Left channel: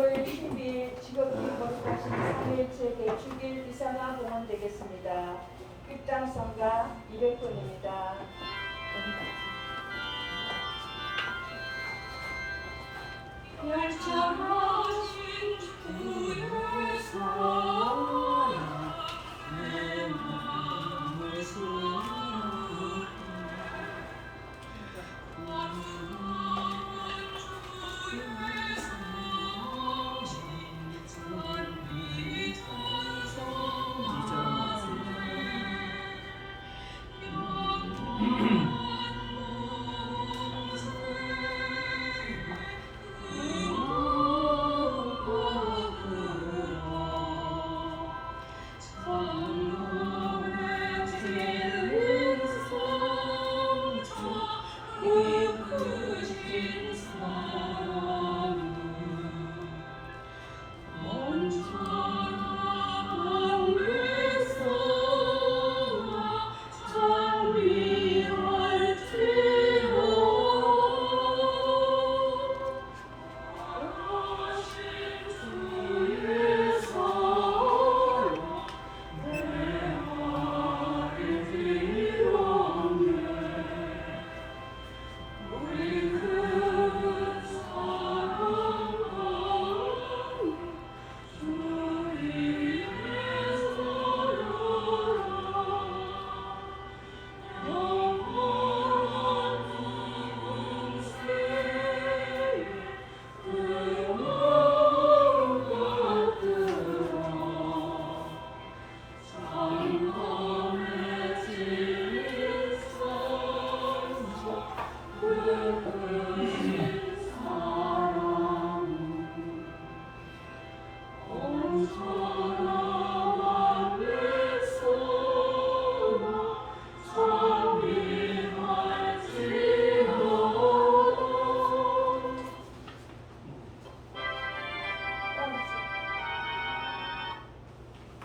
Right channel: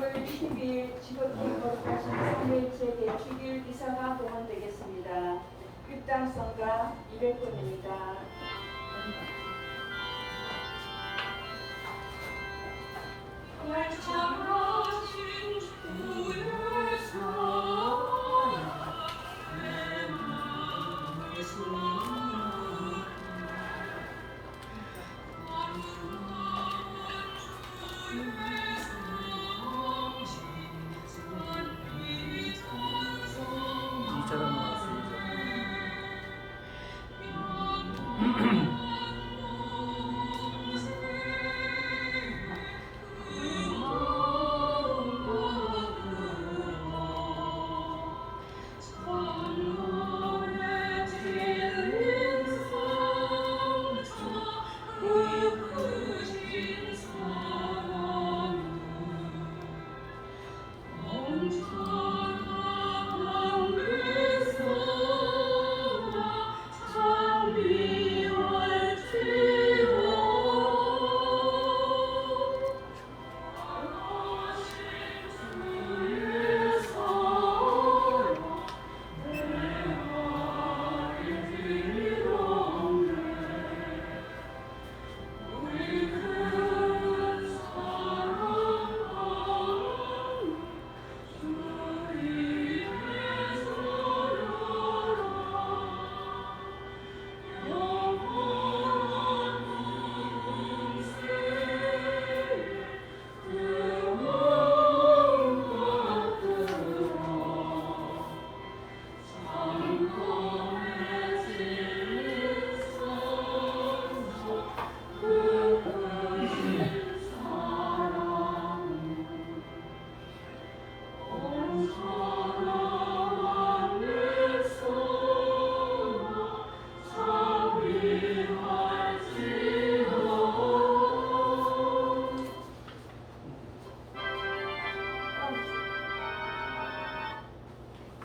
건물 20일 직업이 거룩하신 성일체계 주길 미사가 공헌되겠습니다. 입장성가 200분입니다. 열정하신 주의 사랑 내 맘에 소용돌이 원수한 주의 사랑 진리 이처럼 나왔어요.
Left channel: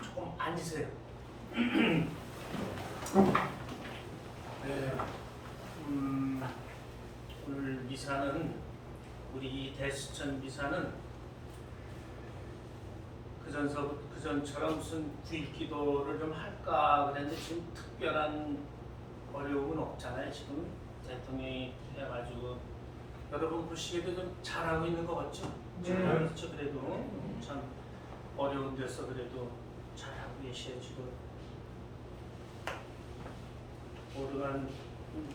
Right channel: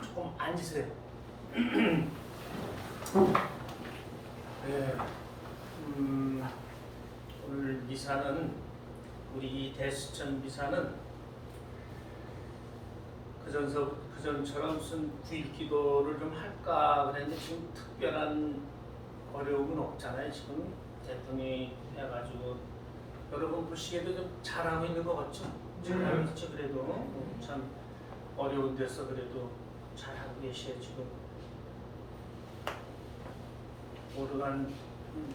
조금 앉으세요. 네, 오늘 미사는 우리 대수천 미사는 그전처럼 무슨 구일기도를 좀 할까 그랬는데 지금 특별한 어려움은 없잖아요. 지금 대통령이 해가지고 여러분 보시기에도 좀 잘하고 있는 것 같죠? 잘하고 있죠. 그래도 참 어려운 데서 그래도 잘하고 계셔요. 지금 오르간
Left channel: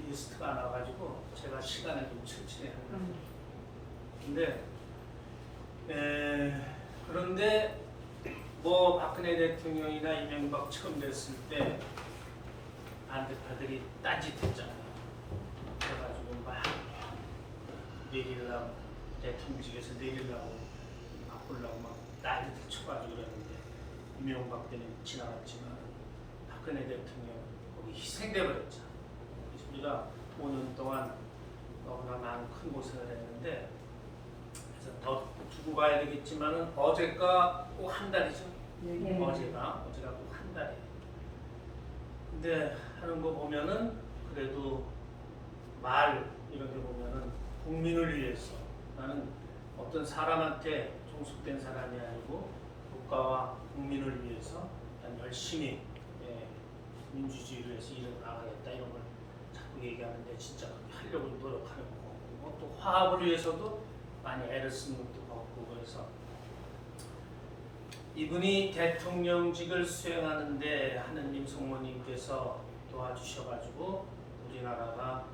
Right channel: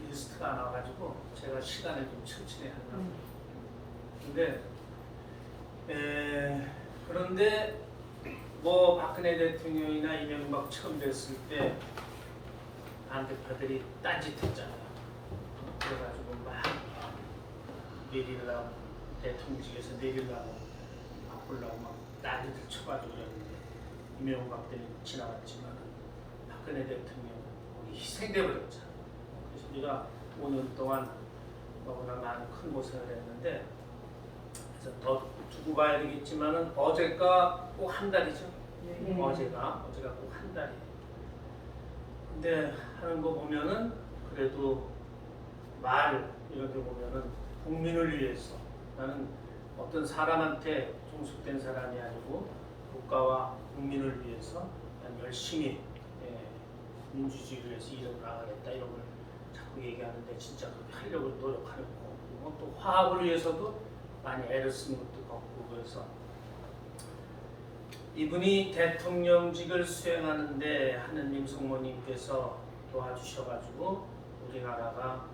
리스트가 안 와가지고 제가 시간을 좀 천천히 하려고. 근데 그런데 뭐 박근혜 대통령이나 이명박 처음 됐을 때 반대파들이 딴짓했잖아요. 그래가지고 막 내리려고 대통령직에서 내리려고 바꾸려고 막 난리들 쳐가지고 그랬는데 이명박 때는 지나갔지만 박근혜 대통령은 거기 희생돼 버렸잖아요. 그래서 우리가 5년 동안 너무나 많은 큰 고생을 했는데 그래서 더 두고 가야 되겠지만은 어제가 꼭 한 달이죠. 어제가 꼭 한 달이에요. 근데 하는 거 보면은 그래도 말 이렇게 보면은 국민을 위해서 나는 어떤 사람한테 종속된 사람이 아니고 국가와 국민을 위해서 난 열심히 민주주의를 위해서 일을 나가겠다 이런 걸 자꾸 얘기하는데 진짜 그렇게 하려고 노력하는 것 같고 또 화합을 위해서도 많이 애를 쓰는 것도 같고 그래서 이분이 대통령직을 수행하는데 하느님 성모님께서 도와주셔가지고 우리나라가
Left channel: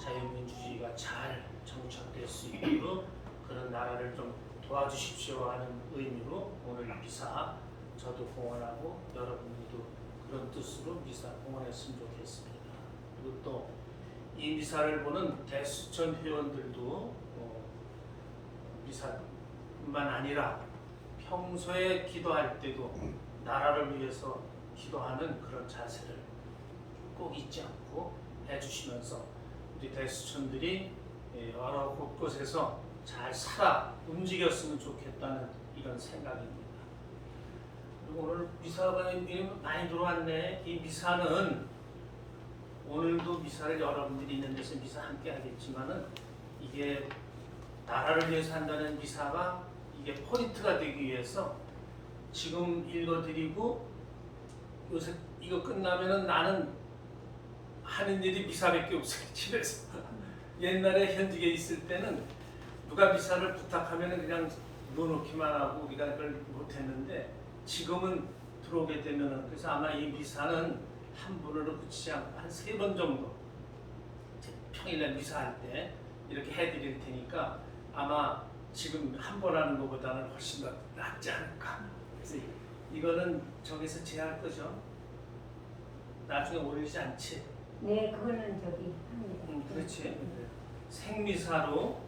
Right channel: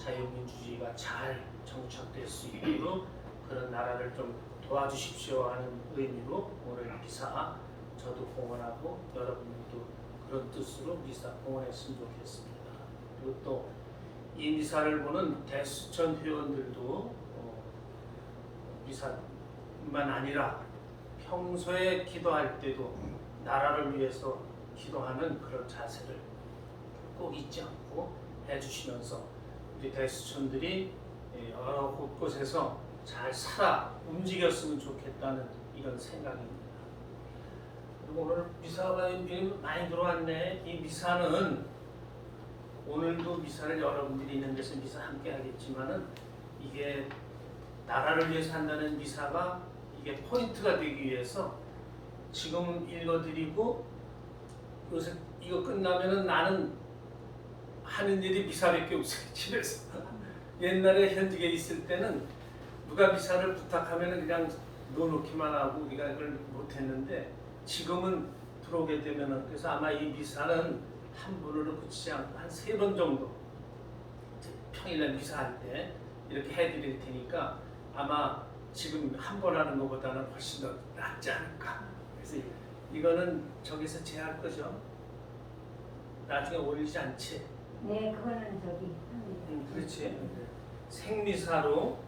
자유민주주의가 잘 정착될 수 있도록 그런 나라를 좀 도와주십시오 하는 의미로 오늘 미사 저도 봉헌하고 여러분들도 그런 뜻으로 미사 봉헌했으면 좋겠습니다. 그리고 또 이 미사를 보는 대수천 회원들도 미사뿐만 아니라 평소에 기도할 때도 나라를 위해서 기도하는 그런 자세를 꼭 잊지 않고 해주시면서 우리 대수천들이 여러 곳곳에서 잘 살아 움직였으면 좋겠다는 이런 생각입니다. 그리고 오늘 미사가 많이 들어왔네. 이 미사는 오늘도 미사를 여러분들이 있는 데서 미사 함께 하겠지만은 이게 나라를 위해서 한다는 미사가 이게 포인트가 되기 위해서 지금 읽어드리고 요새 이거 끝나면은 나는 하는 일이 미사밖에 없어요. 집에서. 옛날에 현직에 있을 때는 누가 미사를 부탁하면은 그냥 넣어놓기만 하고 우리가 그걸 못했는데 지금은 들어오게 되면은 그래서 아마 이 미사는 한 번으로 그치지 않고 한 3번 정도 평일날 미사할 때 이렇게 해드릴 테니까 아마 지금 한 번 하는 것보다는 훨씬 더 낫지 않을까. 그래서 이거는 저기서 제할 거죠. 나중에 올리지 않지. 네, 그거는 저기 합니다. 그렇지. 생미사로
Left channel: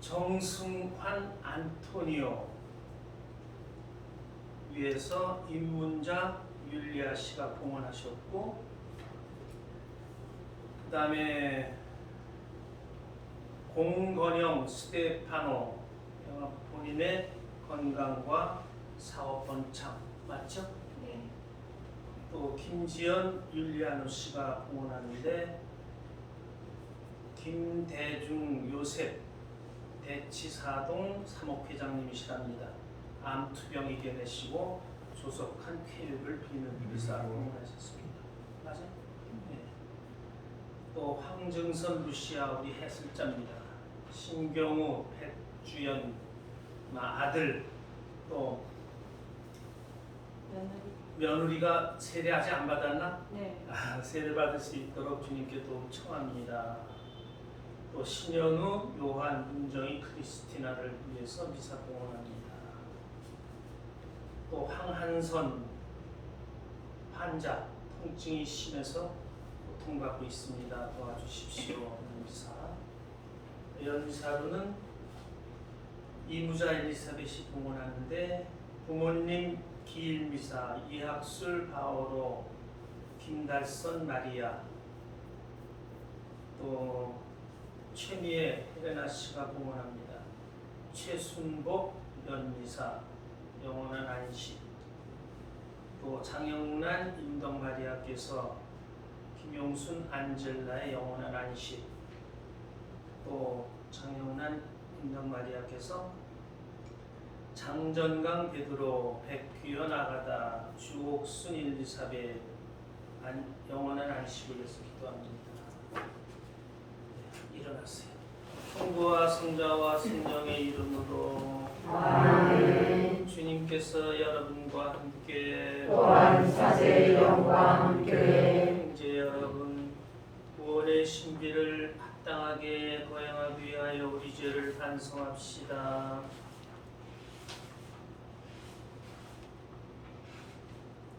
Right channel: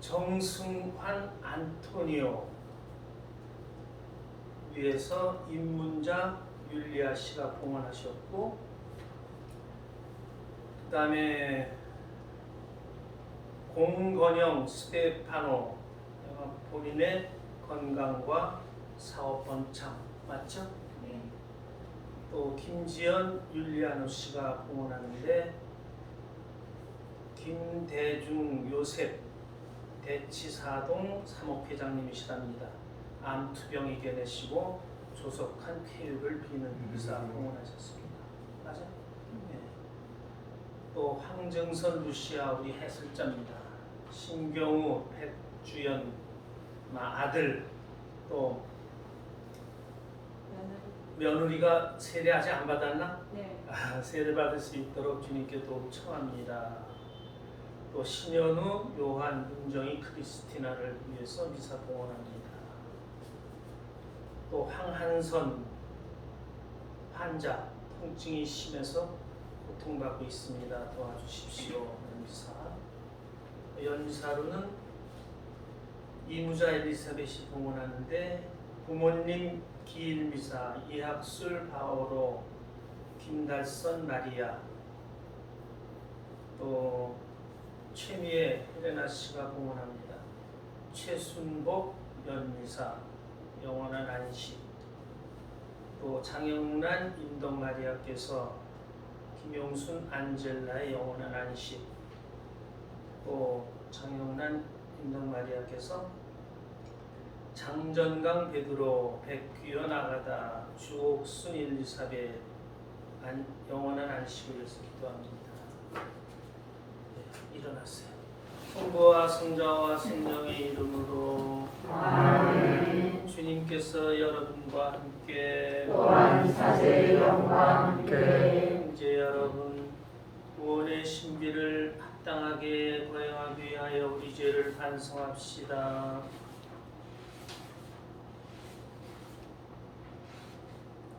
정승환 안토니오 위에서 임문자 율리아 씨가 봉헌하셨고, 그 다음에 공건영 스테파노 본인의 건강과 사업 번창 맞죠? 네. 또 김지연 율리아노 씨가 봉헌하는데 김대중 요셉 대치사동 사목회장님이시랍니다. 암투병 이겨내시고 조속한 쾌유를 비는 미사 봉헌하셨습니다. 맞아요? 네. 또 황정선 루시아 우리 해설자입니다. 신경우 백주연 아들 또 며느리가 세례 아직 안 받았나? 네. 세례 받을 수 있도록 주님께 도움 청합니다. 또 신현우, 요한, 문정희, 크리스티나를 위해서 미사 봉헌합니다. 또 황한선 환자 통증이 심해서 고통받고 있습니다. 도와주십시오. 미사. 연미사로는 이무자 엘리사벳이 봉헌하는데 부모님 기일미사 이학술 바오로 김달선 마리아 또 최미애 헬레나 씨가 봉헌합니다. 최순복 연미사 영원한 안식 또 장영란 임덕 마리아께서 김용순 안젤라의 영원한 안식 또 장영란 임덕 마리아께서 장전강 베드로 백귀연 아가다 주옥순 일리사벳 영원한 안식을 위해서 기도합니다. 네, 일어나세요. 성부와 성자와 성령의 이름으로 아멘. 주님께서 여러분과 함께 또한 사세의 영과 함께 형제 여러분 구원의 신비를 합당하게 거행하기 위하여 우리 죄를 반성합시다.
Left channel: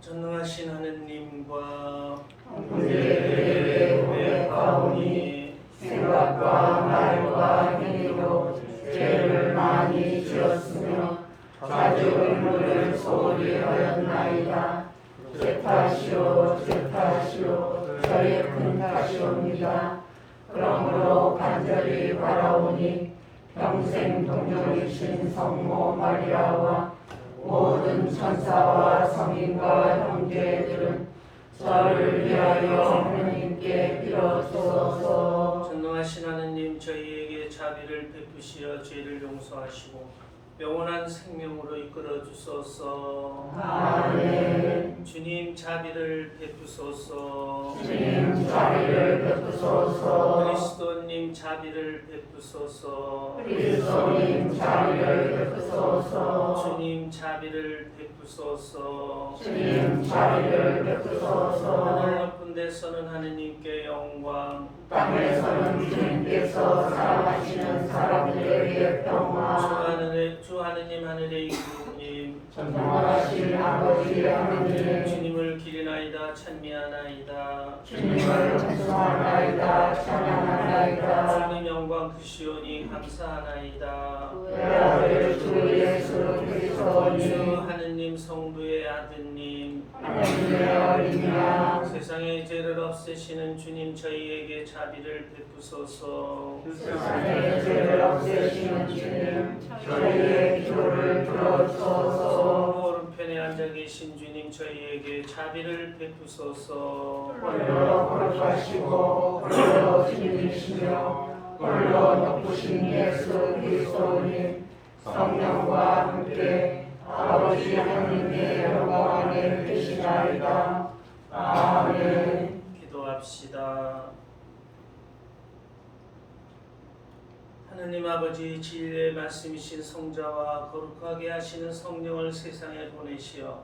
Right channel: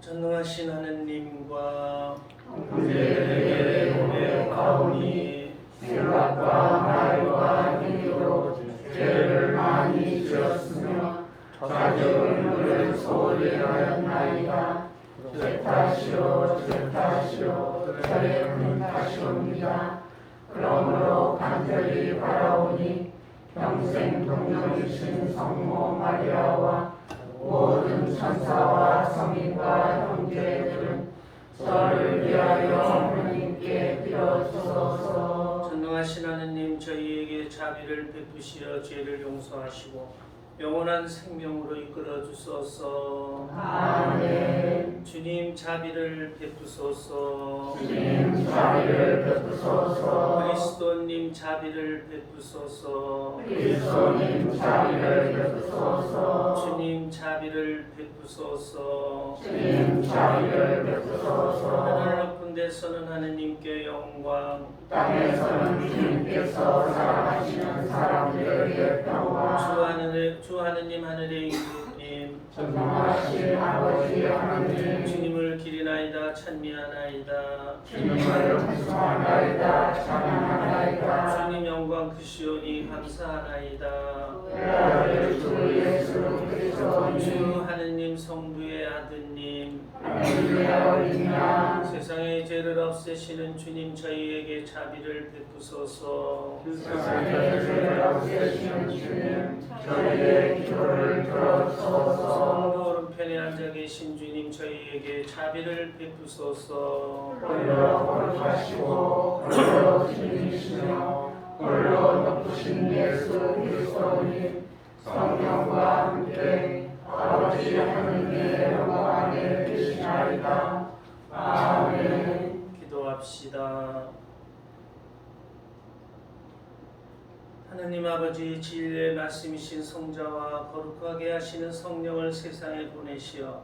전능하신 하느님과 형제들에게 고백하오니 생각과 말과 행위로 죄를 많이 지었으며 좌절을 소홀히 하였나이다. 제 탓이요 제 탓이요 저의 큰 탓이옵니다. 그러므로 간절히 바라오니 평생 동정이신 성모 마리아와 모든 천사와 성인과 형제들은 저를 위하여 하나님께 빌어주소서. 전능하신 하느님 저희에게 자비를 베푸시어 죄를 용서하시고 영원한 생명으로 이끌어 주소서. 아멘. 주님 자비를 베푸소서. 주님 자비를 베푸소서. 그리스도님 자비를 베푸소서. 그리스도님 자비를 베푸소서. 주님 자비를 베푸소서. 주님 자비를 베푸소서. 하늘 높은 데서는 하느님께 영광, 땅에서는 주님께서 살아가시는 사람들에게 평화. 주 하느님 하늘의 임금님 전능하신 아버지 하나님 주님을 기리나이다 찬미하나이다. 주님을 찬송하나이다 찬양하나이다. 주님 영광 크시오니 감사하나이다. 아버지 주 예수 그리스도님 주 하느님 성부의 아드님 하나님의 어린 양 세상의 죄를 없애시는 주님 저희에게 자비를 베푸소서. 세상의 죄를 없애시는 주님 저희의 기도를 들어주소서. 성부 오른편에 앉아 계신 주님 저희에게 자비를 베푸소서. 홀로 거룩하시고 홀로 주님이시며 홀로 높으신 예수 그리스도님 성령과 함께 아버지 하나님의 영광 안에 계시나이다. 아멘. 기도합시다. 하느님 아버지, 진리의 말씀이신 성자와 거룩하게 하시는 성령을 세상에 보내시어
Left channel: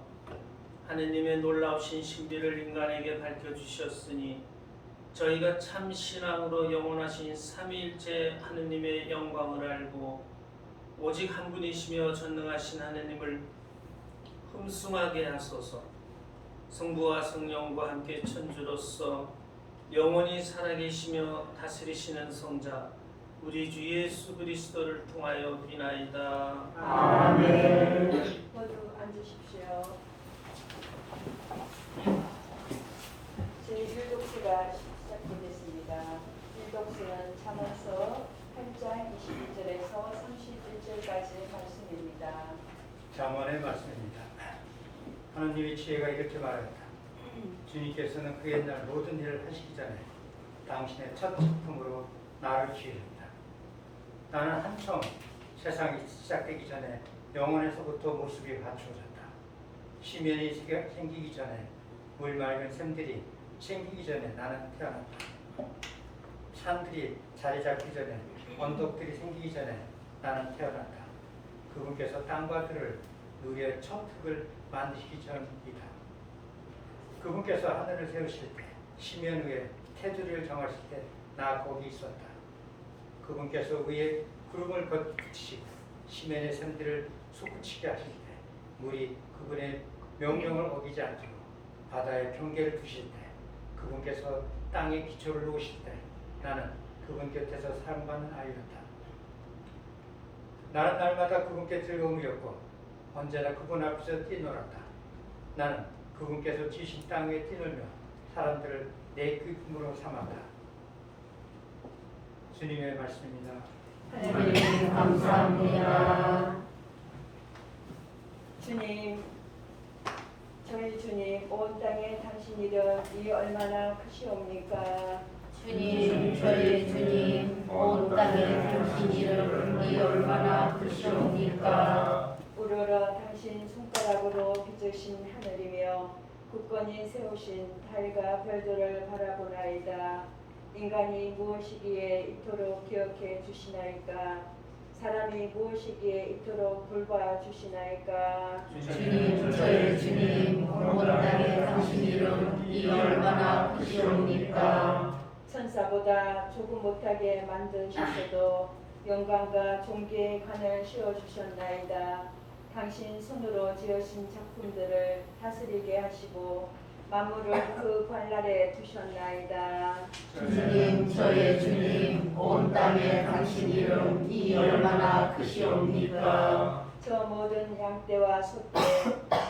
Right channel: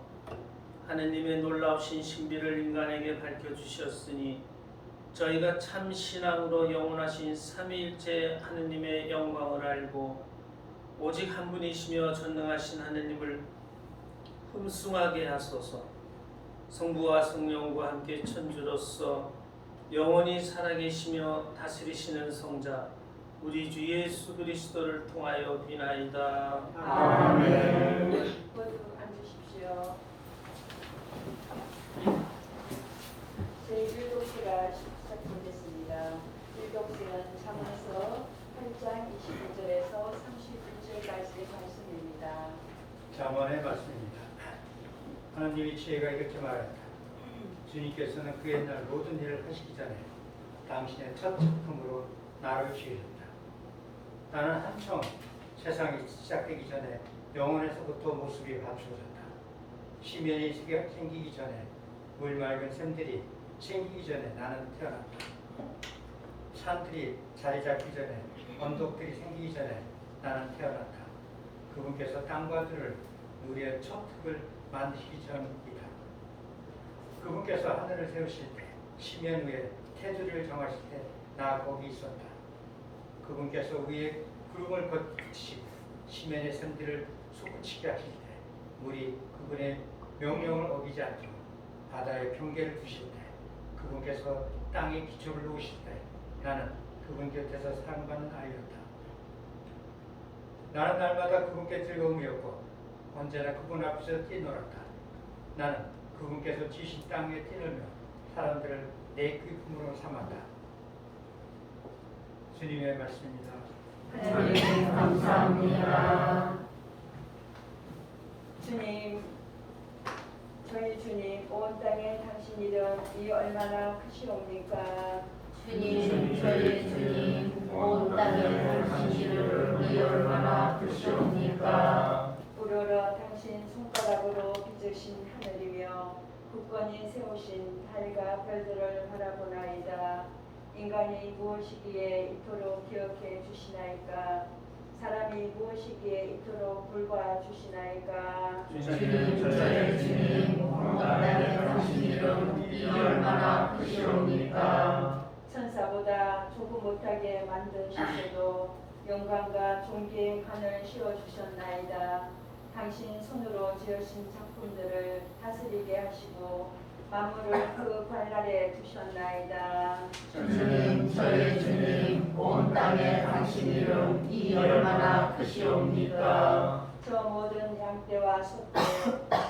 하느님의 놀라우신 신비를 인간에게 밝혀주셨으니 저희가 참 신앙으로 영원하신 삼위일체 하느님의 영광을 알고 오직 한 분이시며 전능하신 하느님을 흠숭하게 하소서. 성부와 성령과 함께 천주로서 영원히 살아계시며 다스리시는 성자 우리 주 예수 그리스도를 통하여 비나이다. 아멘. 모두 앉으십시오. 제1독서가 시작되겠습니다. 1독서는 잠언서 8장 22절에서 31절까지의 말씀입니다. 잠언의 말씀입니다. 하나님의 지혜가 이렇게 말하였다. 주님께서는 그 옛날 모든 일을 하시기 전에 당신의 첫 작품으로 나를 지으셨다. 나는 한참 세상이 시작되기 전에 영원에서부터 모습이 갖추어졌다. 시면이 생기기 전에 물 맑은 샘들이 생기기 전에 나는 태어났다. 산들이 자리 잡기 전에 언덕들이 생기기 전에 나는 태어났다. 그분께서 땅과 들을 누리의 첫 흙을 만드시기 전이다. 그분께서 하늘을 세우실 때 시면 위에 테두리를 정하실 때 나 거기 있었다. 그분께서 위에 구름을 거치시고 시면의 샘들을 솟구치게 하실 때 물이 그분의 명령을 어기지 않도록 바다에 경계를 두실 때 그분께서 땅에 기초를 놓으실 때 나는 그분 곁에서 사랑받는 아이였다. 나는 날마다 그분께 즐거움이었고 언제나 그분 앞에서 뛰놀았다. 나는 그분께서 지으신 땅 위에 뛰놀며 사람들을 내 기쁨으로 삼았다. 주님의 말씀입니다. 하나님 감사합니다. 주님, 저희 주님, 온 땅에 당신 이름이 얼마나 크시옵니까? 주님, 저희 주님, 온 땅에 당신 이름이 얼마나 크시옵니까? 우러러 당신 손가락으로 빚으신 하늘이며 굳건히 세우신 달과 별들을 바라보나이다. 인간이 무엇이기에 이토록 기억해 주시나이까? 사람이 무엇이기에 이토록 돌봐 주시나이까? 주님, 저희 주님, 온 땅에 당신 이름이 얼마나 크시옵니까? 천사보다 조금 못하게 만드셨어도 영광과 존귀의 관을 씌워주셨나이다. 당신 손으로 지으신 작품들을 다스리게 하시고 만물을 그 발날에 두셨나이다. 주님, 저희 주님, 온 땅에 당신 이름이 얼마나 크시옵니까? 저 모든 양떼와 소떼,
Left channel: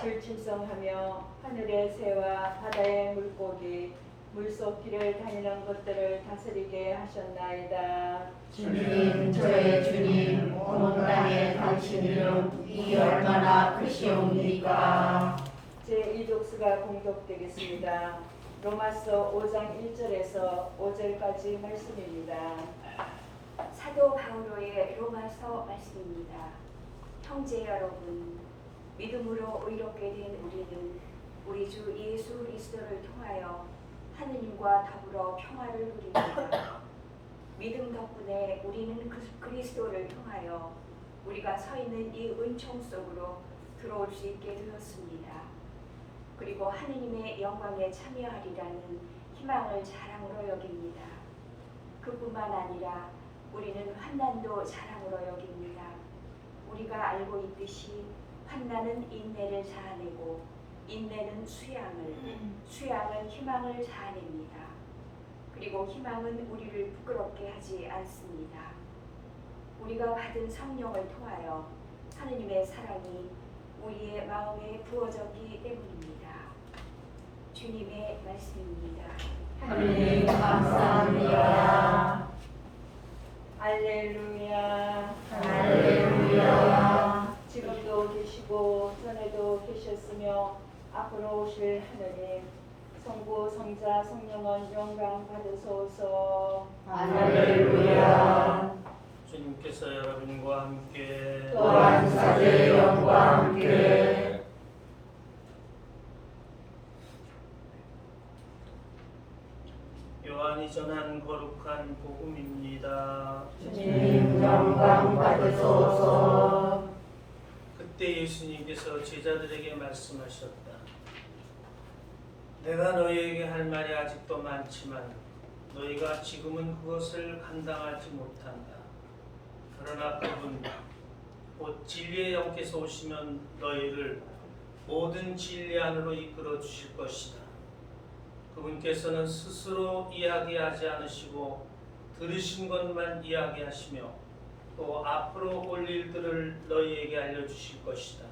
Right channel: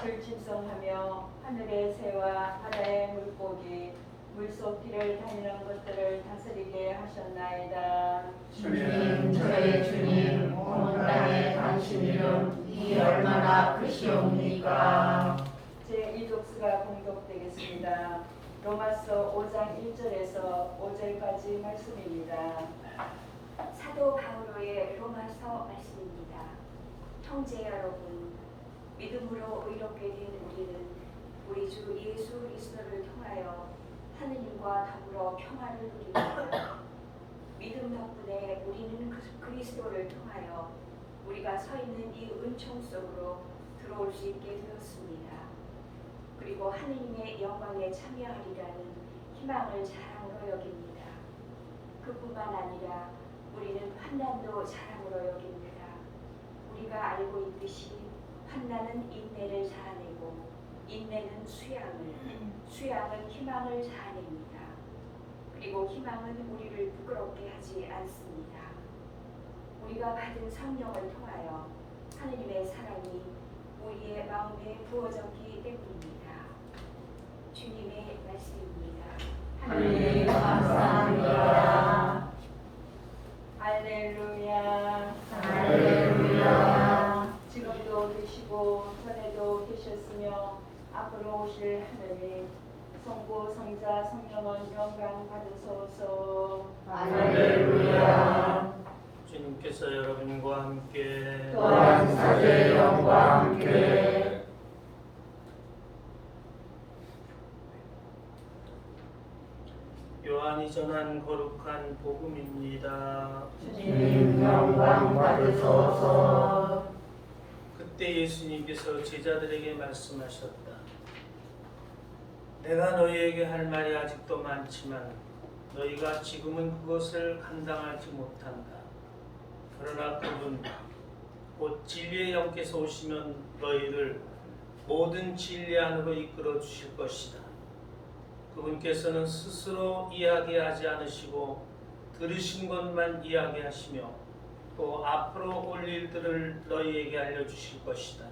들짐승하며 하늘의 새와 바다의 물고기, 물속 길을 달리는 것들을 다스리게 하셨나이다. 주님, 저희 주님, 온 땅에 당신 이름이 얼마나 크시옵니까? 제1독서가 공독되겠습니다. 로마서 5장 1절에서 5절까지 말씀입니다. 사도 바울의 로마서 말씀입니다. 형제 여러분, 믿음으로 의롭게 된 우리는 우리 주 예수 그리스도를 통하여 하느님과 더불어 평화를 누립니다. 믿음 덕분에 우리는 그리스도를 통하여 우리가 서 있는 이 은총 속으로 들어올 수 있게 되었습니다. 그리고 하느님의 영광에 참여하리라는 희망을 자랑으로 여깁니다. 그뿐만 아니라 우리는 환난도 자랑으로 여깁니다. 우리가 알고 있듯이 환난은 인내를 자아내고 인내는 수양을, 수양은 희망을 자아냅니다. 그리고 희망은 우리를 부끄럽게 하지 않습니다. 우리가 받은 성령을 통하여 하느님의 사랑이 우리의 마음에 부어졌기 때문입니다. 주님의 말씀입니다. 하나님 감사합니다. 할렐루야. 할렐루야. 지금도 계시고 전에도 계셨으며 앞으로 오실 하느님, 성부, 성자, 성령은 영광 받으소서. 할렐루야. 주님께서 주께서 여러분과 함께 또한 사제의 영과 함께 요한이 전한 거룩한 복음입니다. 주님 영광 받으소서. 그때 예수님께서 제자들에게 말씀하셨다. 내가 너희에게 할 말이 아직도 많지만 너희가 지금은 그것을 감당하지 못한다. 그러나 그분 곧 진리의 영께서 오시면 너희를 모든 진리 안으로 이끌어 주실 것이다. 그분께서는 스스로 이야기하지 않으시고 들으신 것만 이야기하시며 또 앞으로 올 일들을 너희에게 알려주실 것이다.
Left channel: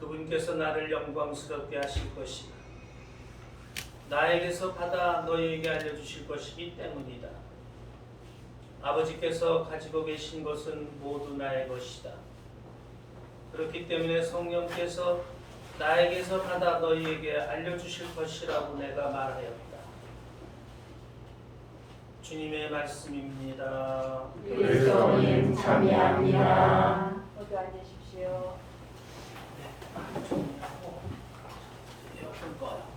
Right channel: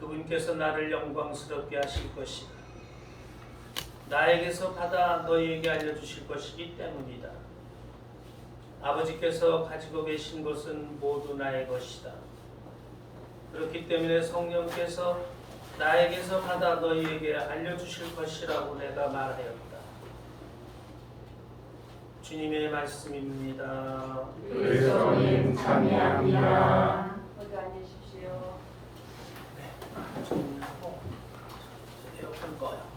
그분께서 나를 영광스럽게 하실 것이다. 나에게서 받아 너희에게 알려주실 것이기 때문이다. 아버지께서 가지고 계신 것은 모두 나의 것이다. 그렇기 때문에 성령께서 나에게서 받아 너희에게 알려주실 것이라고 내가 말하였다. 주님의 말씀입니다. 그리스도님 참여합니다. 모두 앉으십시오. 네, 정리하고 에어컨 꺼요.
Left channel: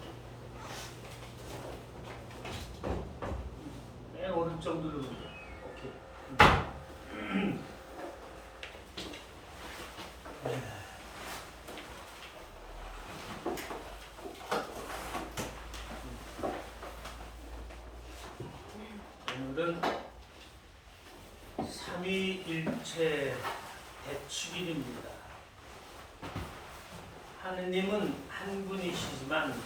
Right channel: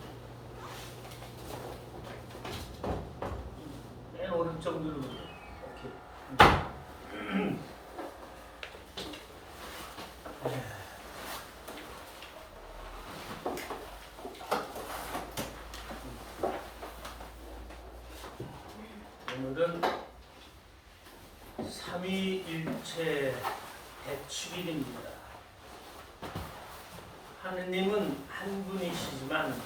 맨 오른쪽 누르면 돼. 오케이. 네. 오늘은 삼위일체 대축일입니다. 하느님은 한 분이시지만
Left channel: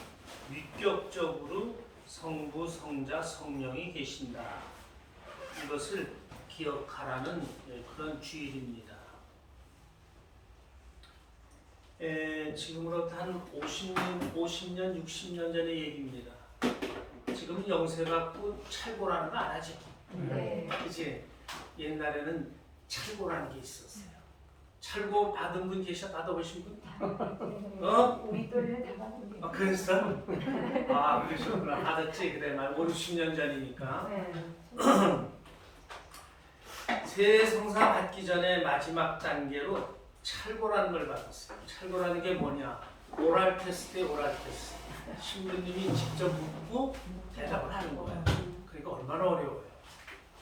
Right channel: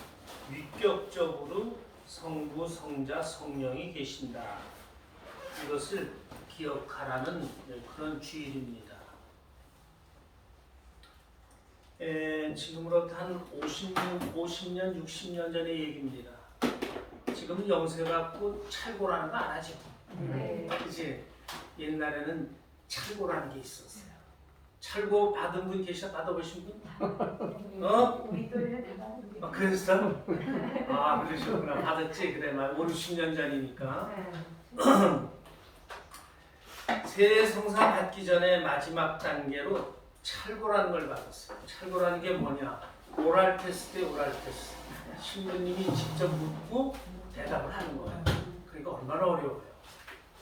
위격적으로 성부, 성자, 성령이 계신다. 이것을 기억하라는 그런 주일입니다. 지금으로부터 한 50년, 60년 전의 얘기입니다. 지금은 영세받고 찰고라는 거 안 하지? 네. 그치? 옛날에는 찰고라는 게 있었어요. 찰고 받은 분 계셔? 받아보신 분? 우리 또래는 다 받은 게. 그랬어? 그러셨구나. 받았지? 그래, 막 50년 전이니까. 세례성사 받기 전에 마지막 단계로 찰고라는 걸 받았어요. 찰고라는 게 뭐냐? 오랄 테스트에 오랄 테스트. 신부님이 직접 묻고 대답을 하는 거예요. 그러니까 얼마나 어려워요.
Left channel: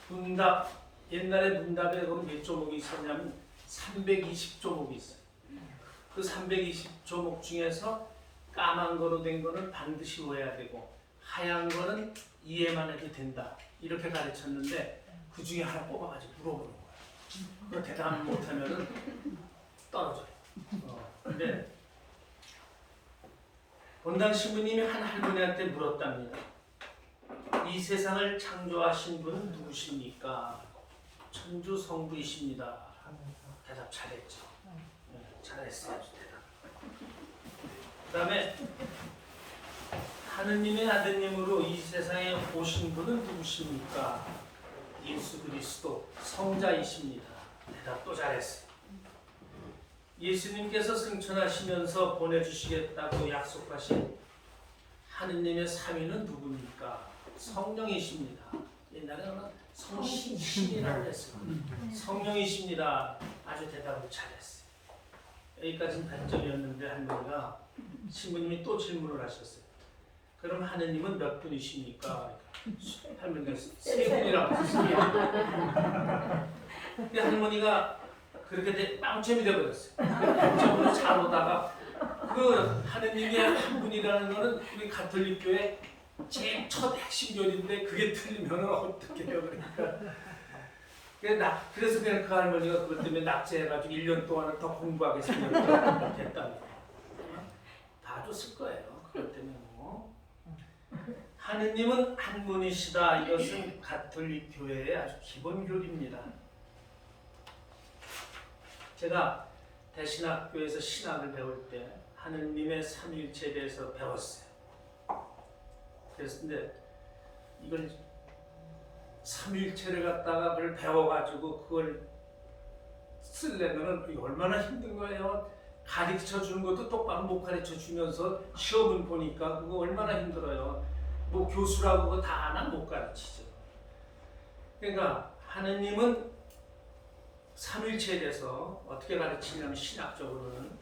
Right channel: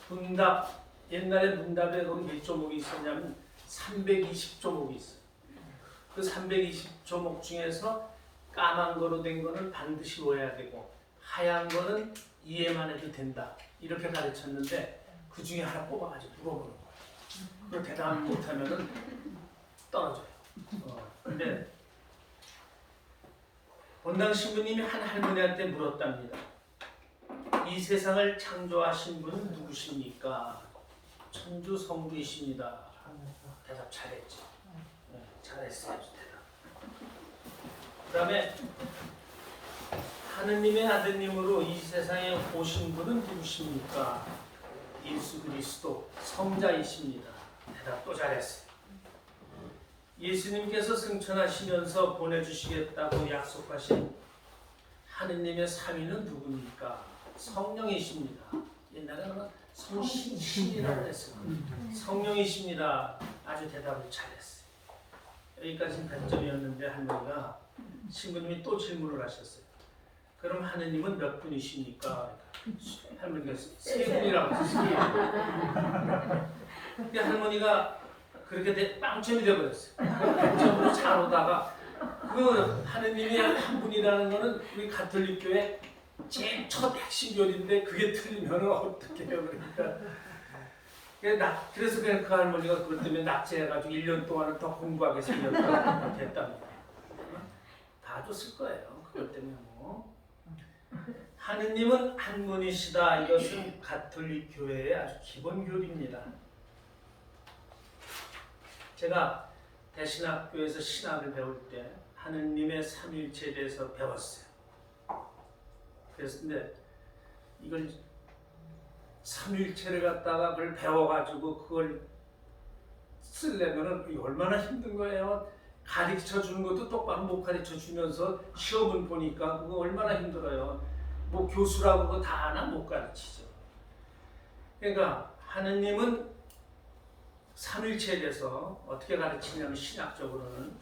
문답, 옛날에 문답에 몇 조목이 있었냐면 320조목이 있어요. 그 320조목 중에서 까만 거로 된 거는 반드시 외워야 되고 하얀 거는 이해만 해도 된다. 이렇게 가르쳤는데 그 중에 하나 뽑아가지고 물어보는 거예요. 그거 대답 못하면은 떨어져요. 근데 본당 신부님이 한 할머니한테 물었답니다. 이 세상을 창조하신 분은 누구십니까? 천주 성부이십니다. 대답 잘했죠. 잘했어요. 대답. 그 다음에 하느님의 아드님으로 이 세상에 오신 분은 누구십니까? 예수 그리스도 성자이십니다. 대답 또 잘했어요. 예수님께서 승천하시면서 보내주시겠다고 약속하신 하느님의 삼위는 누굽니까? 성령이십니다. 옛날에는 성신이라고 했을 거예요. 성령이십니다. 아주 대답을 잘했어요. 여기까지는 단점이었는데 할머니가 신부님이 또 질문을 하셨어요. 그럼 하느님은 몇 분이십니까? 그러니까 할머니가 세 분이라고 했어요. 근데 할머니가 그렇게 빵점이 되어버렸어요. 100점으로 잘 오다가 그 하느님이 한 분이라는 거는 우리 가톨릭교회 제일 첫 핵심 교리인데 그게 틀리면 어떻게 해요? 그래서 그냥 그 할머니가 그것 때문에 낙제해가지고 1년 동안은 더 공부하게 생겼다고 됐답니다. 봐줬을 거예요. 그것 때문에 뭐. 하느님은 한 분이시다. 이것은 가톨릭 교회의 아주 기본 교리입니다. 제가 대신학교에서 신학을 배울 때 하느님의 삼위일체에 대해서 배웠어요. 그랬는데 이걸 삼위일체를 갖다가 그걸 배워가지고 그걸 쓰려면은 얼마나 힘든 거예요. 가르쳐 주는 것도 똑바로 못 가르쳐 주면서 시험을 보니까 그거 얼마나 힘들어요. 뭐 교수라고 그거 다 하나 못 가르치죠. 그러니까 하느님은 삼일체에 대해서 어떻게 가르치냐면 신학적으로는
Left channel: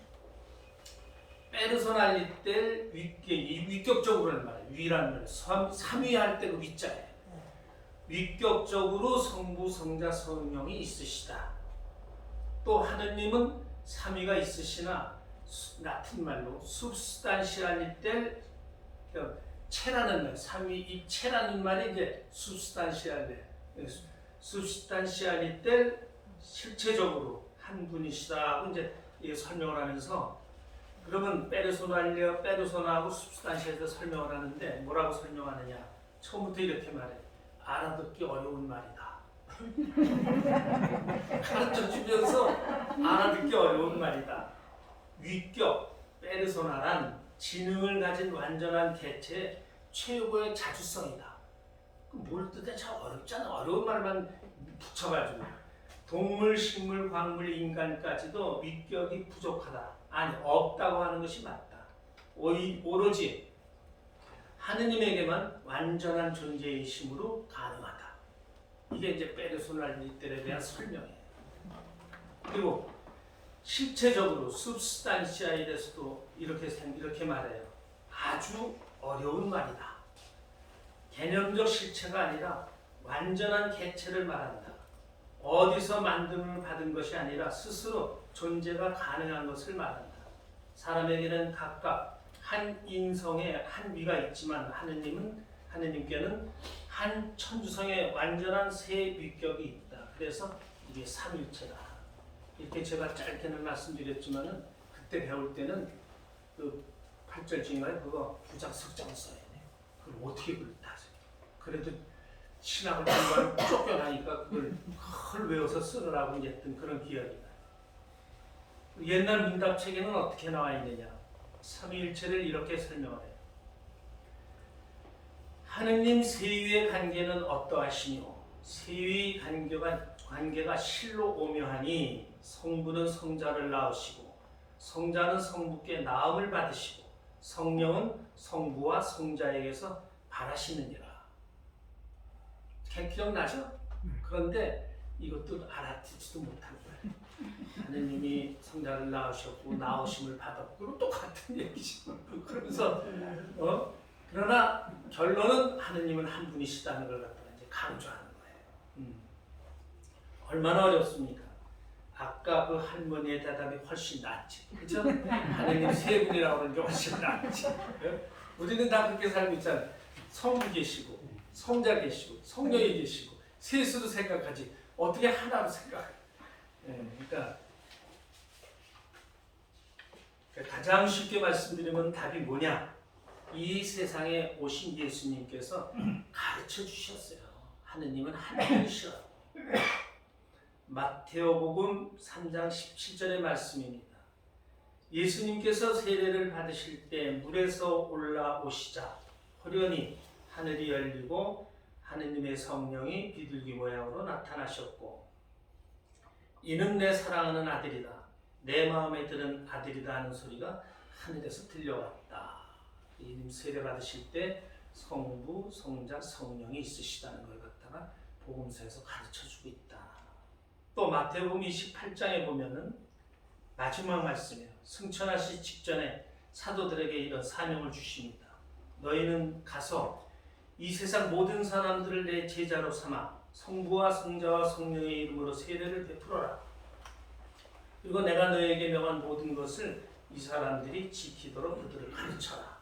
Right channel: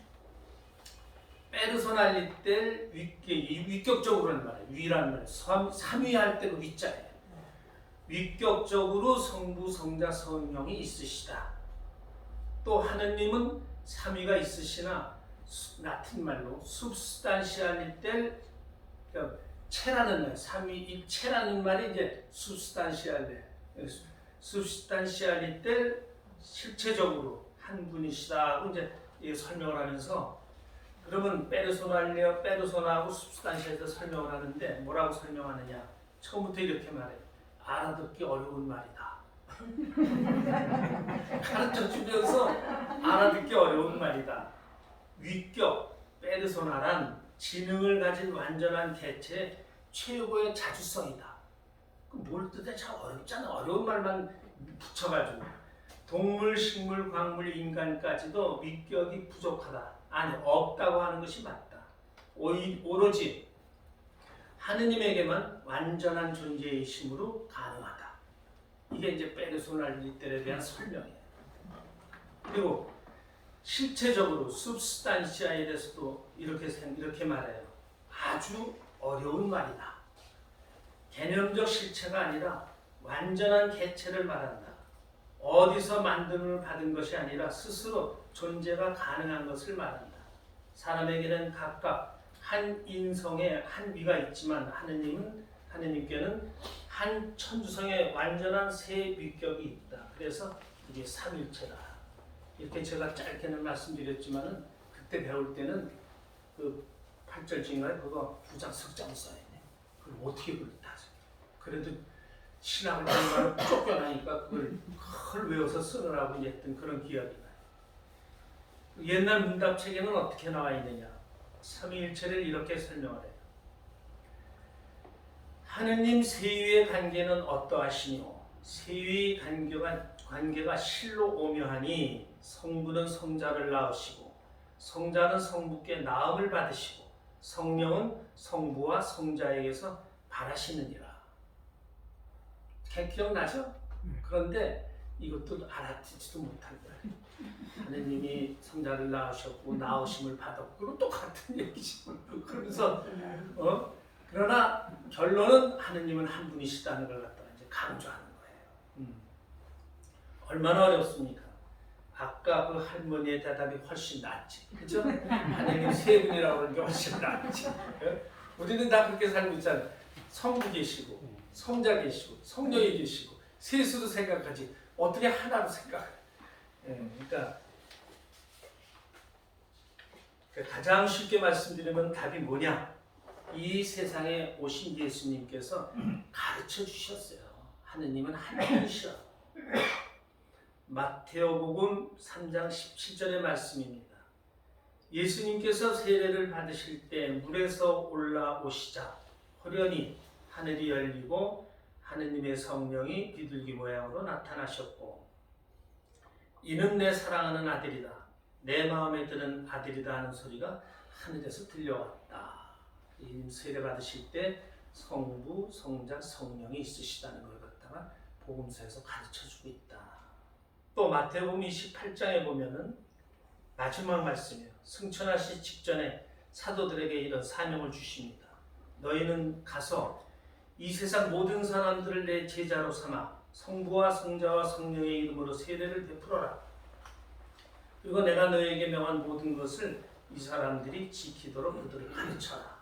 페르소날리텔 위격적으로는 말이에요. 위라는 말이에요. 삼위할 때 그 위자예요. 위격적으로 성부, 성자, 성령이 있으시다. 또 하느님은 삼위가 있으시나 라틴 말로 substantialiter, 그러니까 체라는 말, 삼위 입체라는 말이 이제 substantialiter, 실체적으로 한 분이시다고 이제 설명을 하면서, 그러면 페르소나하고 substantial에서 설명을 하는데 뭐라고 설명하느냐? 처음부터 이렇게 말해요. 알아듣기 어려운 말이다. 가르쳐 주면서 알아듣기 어려운 말이다. 위격, 페르소나란 지능을 가진 완전한 개체의 최고의 자주성이다. 그럼 뭘 뜻해? 참 어렵잖아. 어려운 말만 붙여가지고. 동물, 식물, 광물, 인간까지도 위격이 부족하다. 아니, 없다고 하는 것이 맞다. 오로지 하느님에게만 완전한 존재이심으로 가능하다. 이게 이제 페르소날리텔에 대한 설명이에요. 그리고 실체적으로 substantia에 대해서도 이렇게 말해요. 아주 어려운 말이다. 개념적 실체가 아니라 완전한 개체를 말한다. 어디서 만듦을 받은 것이 아니라 스스로 존재가 가능한 것을 말한다. 사람에게는 각각 한 인성에 한 위가 있지만 하느님께는 한 천주성의 완전한 세 위격이 있다. 그래서 이게 삼일체다. 이렇게 제가 짧게는 말씀드렸지만은 그때 배울 때는 그 8절인가요? 그거 두장 석장을 써야 돼요. 그럼 어떻게 그걸 다 써요? 그래도 신학을 공부하는 쫓겨나니까 그걸 외워서 쓰느라고 이제 했던 그런 기억이 나요. 옛날 문답책에는 어떻게 나와 있느냐? 삼위일체를 이렇게 설명을 해요. 하느님 세위의 관계는 어떠하시뇨? 세위 관계가 실로 오묘하니 성부는 성자를 낳으시고 성자는 성부께 낳음을 받으시고 성령은 성부와 성자에게서 발하시느니라. 기억나죠? 그런데 이것도 알아듣지도 못한 거예요. 하느님이 성자를 낳으셨고 낳으심을 받았고 그거 똑같은 얘기죠. 그러면서 그러나 결론은 하느님은 한 분이시다는 걸 갖다가 이제 강조하는 거예요. 얼마나 어렵습니까? 아까 그 할머니의 대답이 훨씬 낫지, 그죠? 하느님 세 분이라고 하는 게 훨씬 낫지. 우리는 다 그렇게 살고 있잖아요. 성부 계시고, 성자 계시고, 성령이 계시고, 셋으로 생각하지 어떻게 하나로 생각해? 그러니까 가장 쉽게 말씀드리면 답이 뭐냐? 이 세상에 오신 예수님께서 가르쳐 주셨어요. 하느님은 한 분이시라고. 마테오복음 3장 17절의 말씀입니다. 예수님께서 세례를 받으실 때 물에서 올라오시자 호련히 하늘이 열리고 하느님의 성령이 비둘기 모양으로 나타나셨고 이는 내 사랑하는 아들이다. 내 마음에 드는 아들이다 하는 소리가 하늘에서 들려왔다. 예수님 세례 받으실 때 성부, 성자, 성령이 있으시다는 걸 갖다가 복음서에서 가르쳐주고 있다. 또 마태복음 28장에 보면은 마지막 말씀이에요. 승천하시 직전에 사도들에게 이런 사명을 주십니다. 너희는 가서 이 세상 모든 사람들을 내 제자로 삼아 성부와 성자와 성령의 이름으로 세례를 베풀어라. 그리고 내가 너희에게 명한 모든 것을 이 사람들이 지키도록 그들을 가르쳐라.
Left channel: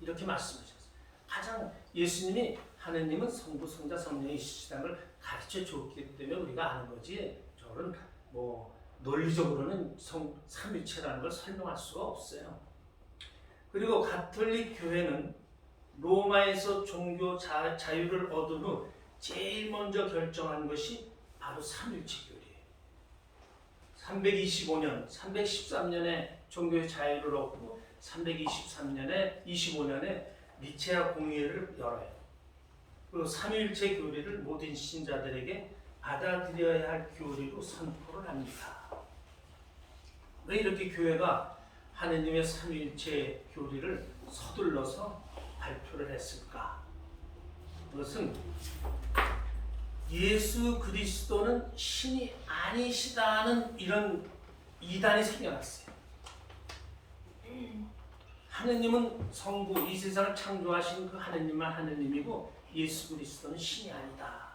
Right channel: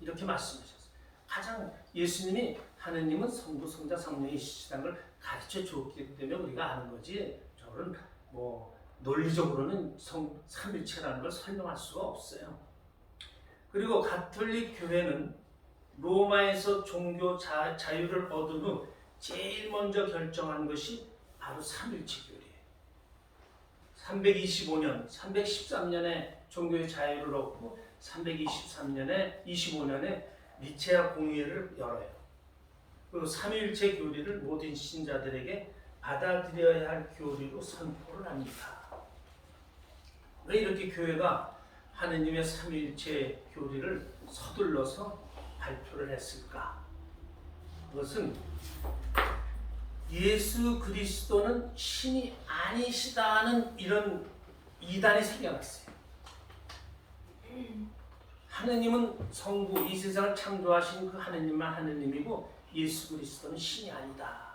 이렇게 말씀하셨어요. 가장 예수님이 하느님은 성부, 성자, 성령이 있으시다는 걸 가르쳐 줬기 때문에 우리가 아는 거지. 저는 뭐 논리적으로는 삼일체라는 걸 설명할 수가 없어요. 그리고 가톨릭 교회는 로마에서 종교 자유를 얻은 후 제일 먼저 결정한 것이 바로 삼일체 교리예요. 325년, 313년에 종교의 자유를 얻고 325년에 니체아 공의회를 열어요. 그리고 삼위일체 교리를 모든 신자들에게 받아들여야 할 교리로 선포를 합니다. 왜 이렇게 교회가 하느님의 삼위일체 교리를 서둘러서 발표를 했을까? 그것은 예수 그리스도는 신이 아니시다는 이런 이단이 생겨났어요. 하느님은 성부, 이 세상을 창조하신 그 하느님만 하느님이고 예수 그리스도는 신이 아니다.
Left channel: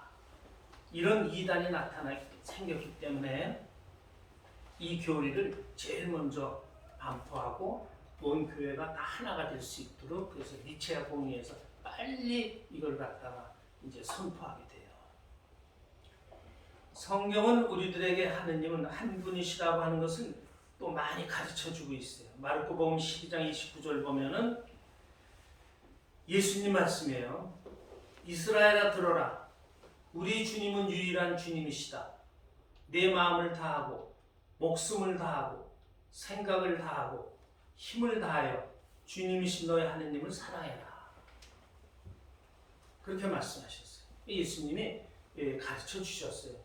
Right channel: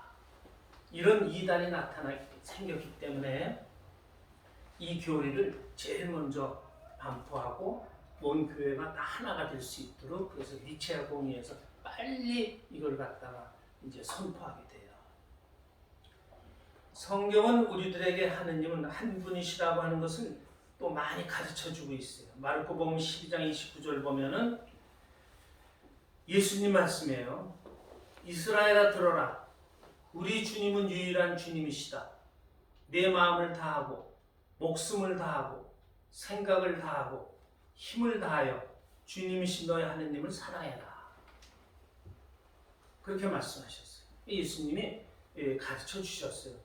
이런 이단이 생겼기 때문에 이 교리를 제일 먼저 반포하고 온 교회가 다 하나가 될 수 있도록, 그래서 니체아 공의에서 빨리 이걸 갖다가 이제 선포하게 돼요. 성경은 우리들에게 하느님은 한 분이시라고 하는 것을 또 많이 가르쳐 주고 있어요. 마르코복음 12장 29절 보면은 예수님 말씀이에요. 이스라엘아 들어라. 우리 주님은 유일한 주님이시다. 내 마음을 다하고 목숨을 다하고 생각을 다하고 힘을 다하여 주님이신 너의 하느님을 사랑해라. 그렇게 말씀하셨어요. 예수님이 가르쳐 주셨어요.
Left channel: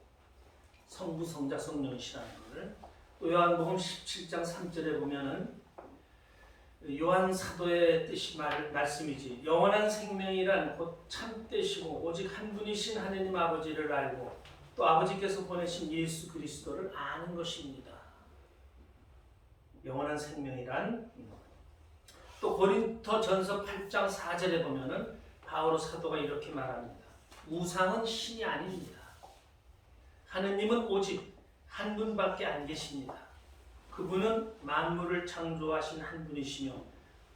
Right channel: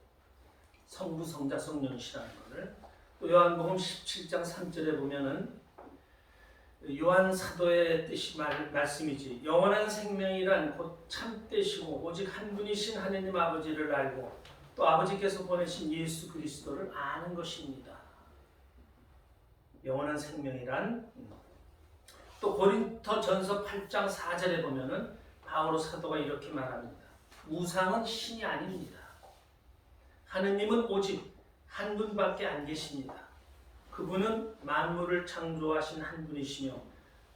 성부, 성자, 성령이시라는 것을. 또 요한복음 17장 3절에 보면은 요한 사도의 뜻이 말씀이지. 영원한 생명이란 곧 참되시고 오직 한 분이신 하느님 아버지를 알고 또 아버지께서 보내신 예수 그리스도를 아는 것입니다. 영원한 생명이란. 또 고린토전서 8장 4절에 보면은 바오로 사도가 이렇게 말합니다. 우상은 신이 아닙니다. 하느님은 오직 한 분밖에 안 계십니다. 그분은 만물을 창조하신 한 분이시며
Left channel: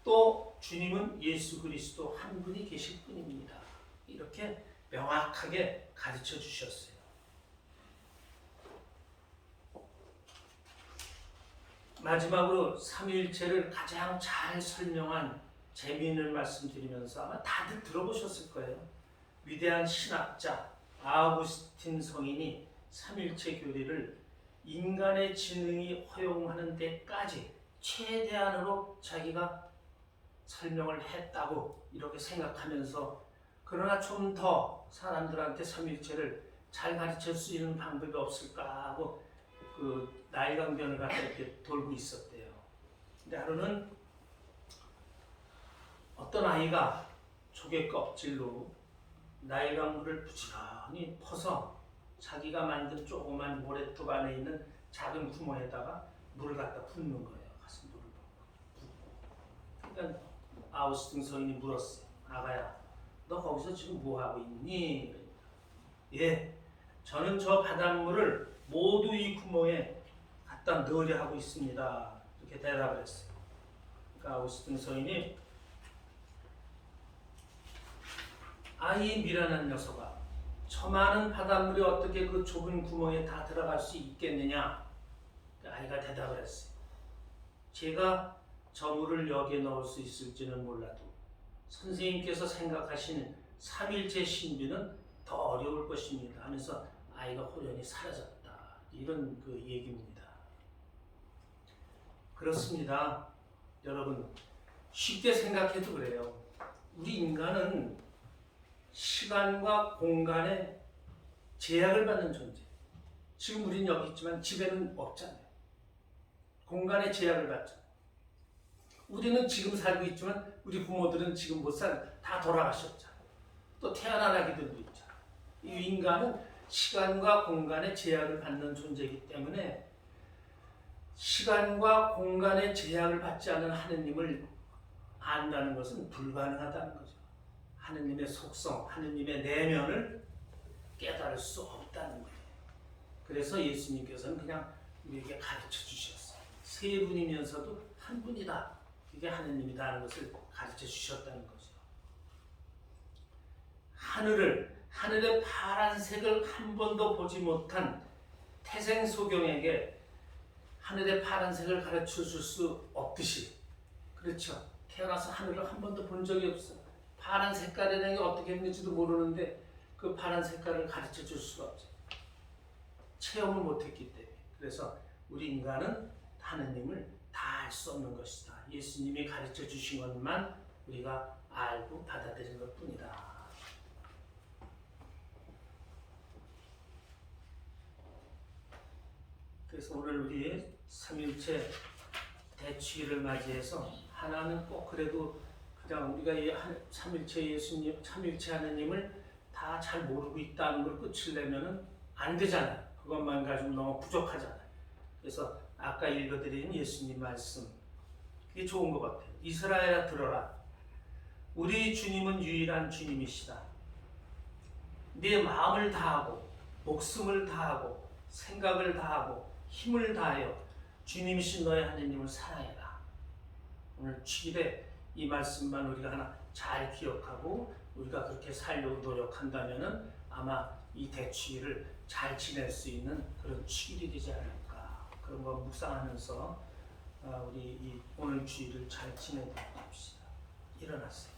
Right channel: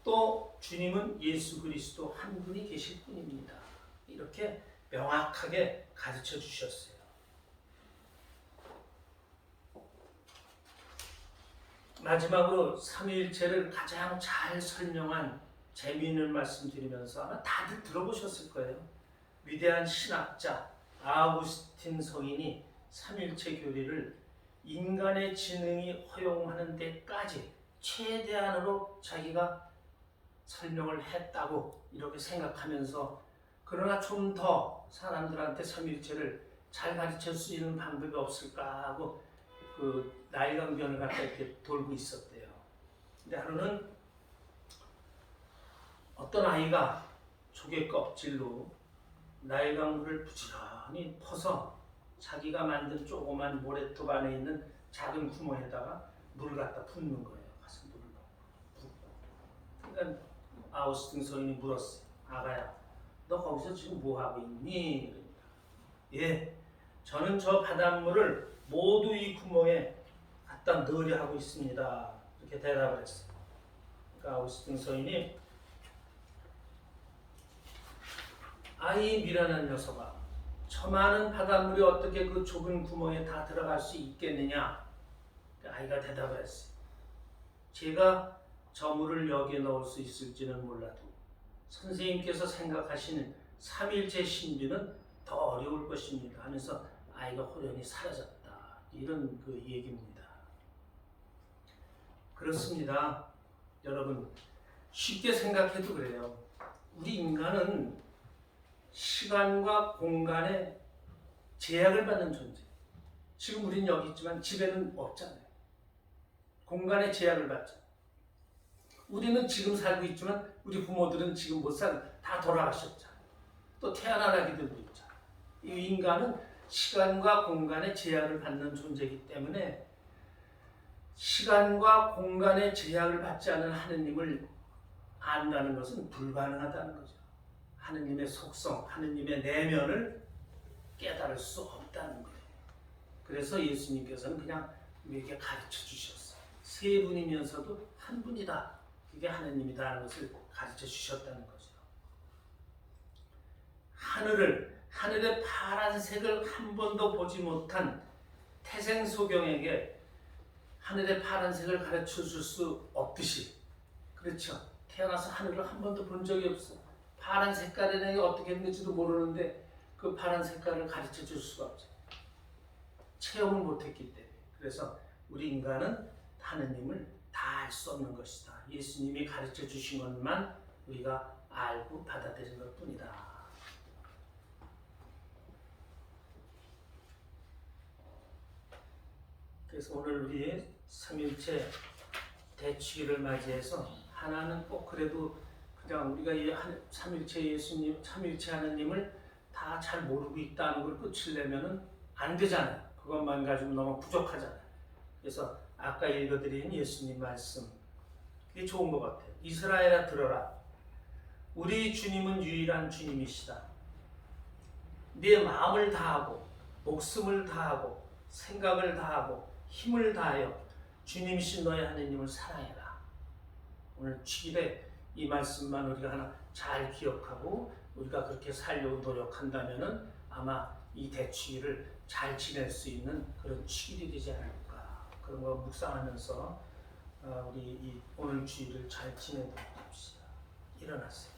또 주님은 예수 그리스도 한 분이 계실 뿐입니다. 이렇게 명확하게 가르쳐 주셨어요. 마지막으로 삼위일체를 가장 잘 설명한 재미있는 말씀 드리면서 아마 다들 들어보셨을 거예요. 위대한 신학자 아우구스틴 성인이 삼위일체 교리를 인간의 지능이 허용하는 데까지 최대한으로 자기가 설명을 했다고 이렇게 생각하면서, 그러나 좀 더 사람들한테 삼위일체를 잘 가르칠 수 있는 방법이 없을까 하고 그 나일강변을 갖다 이렇게 돌고 있었대요. 근데 하루는 어떤 아이가 조개 껍질로 나일강물을 부지런히 퍼서 자기가 만든 조그만 모래톱 안에 있는 작은 구멍에다가 물을 갖다 붓는 거예요. 가서 물을 붓고. 그러니까 아우구스틴 성인이 물었어요. 아가야, 너 거기서 지금 뭐 하고 있니? 그러니까, 예, 저는 저 바닷물을 모두 이 구멍에 갖다 넣으려 하고 있습니다. 이렇게 대답을 했어요. 그러니까 아우구스틴 성인이 아이 미련한 녀석아, 저 많은 바닷물이 어떻게 그 좁은 구멍에 다 들어갈 수 있겠느냐? 아이가 대답을 했어요. 제가 저 물을 여기에 넣을 수 있을지는 몰라도 선생님께서 생각하시는 삼일체 신비는 더 어려울 것입니다 하면서 아이가 호련히 사라졌다. 이런 그 얘기입니다. 그렇습니다. 여러분, 쉽게 생각해도 그래요. 우리 인간은 시간과 공간에 제약을 받는 존재. 지금 우리는 여기 있지만 집에는 없잖아요. 공간에 제약을 받잖아요. 우리는 지금 살고 있지만 우리 부모들은 지금 못 살고 다 돌아가셨잖아요. 또 태어난 아기들도 있잖아요. 이 인간은 시간과 공간에 제약을 받는 존재이기 때문에 시간과 공간에 제약을 받지 않은 하느님을 안다는 것은 불가능하다는 거죠. 하느님의 속성, 하느님의 내면을 깨달을 수 없다는 거예요. 그래서 예수님께서는 그냥 우리에게 가르쳐 주셨어요. 세 분이면서도 한 분이다. 이게 하느님이다 하는 것을 가르쳐 주셨다는 거죠. 하늘의 파란색을 한 번도 보지 못한 태생소경에게 하늘의 파란색을 가르쳐 줄 수 없듯이, 그렇죠? 태어나서 하늘을 한 번도 본 적이 없어. 파란 색깔이라는 게 어떻게 생길지도 모르는데 그 파란 색깔을 가르쳐 줄 수가 없어요. 체험을 못했기 때문에. 그래서 우리 인간은 하느님을 다 알 수 없는 것이다. 예수님이 가르쳐 주신 것만 우리가 알고 받아들인 것뿐이다. 그래서 오늘 우리의 삼일체 대축일을 맞이해서 하나는 꼭 그래도 그냥 우리가 삼일체 예수님, 삼일체 하느님을 다 다 잘 모르고 있다는 걸 끝을 내면은 안 되잖아요. 그것만 가지고 너무 부족하잖아요. 그래서 아까 읽어드린 예수님 말씀, 이게 좋은 것 같아요. 이스라엘아 들어라. 우리 주님은 유일한 주님이시다. 네 마음을 다하고 목숨을 다하고 생각을 다하고 힘을 다하여 주님이신 너의 하나님을 사랑해라. 오늘 주일에 이 말씀만 우리가 하나 잘 기억하고 우리가 그렇게 살려고 노력한다면은 아마 이 대추일을 잘 지낼 수 있는 그런 주일이 되지 않을까. 그런 거 묵상하면서 우리 이 오늘 주일을 잘 지내도록 합시다. 일어나세요.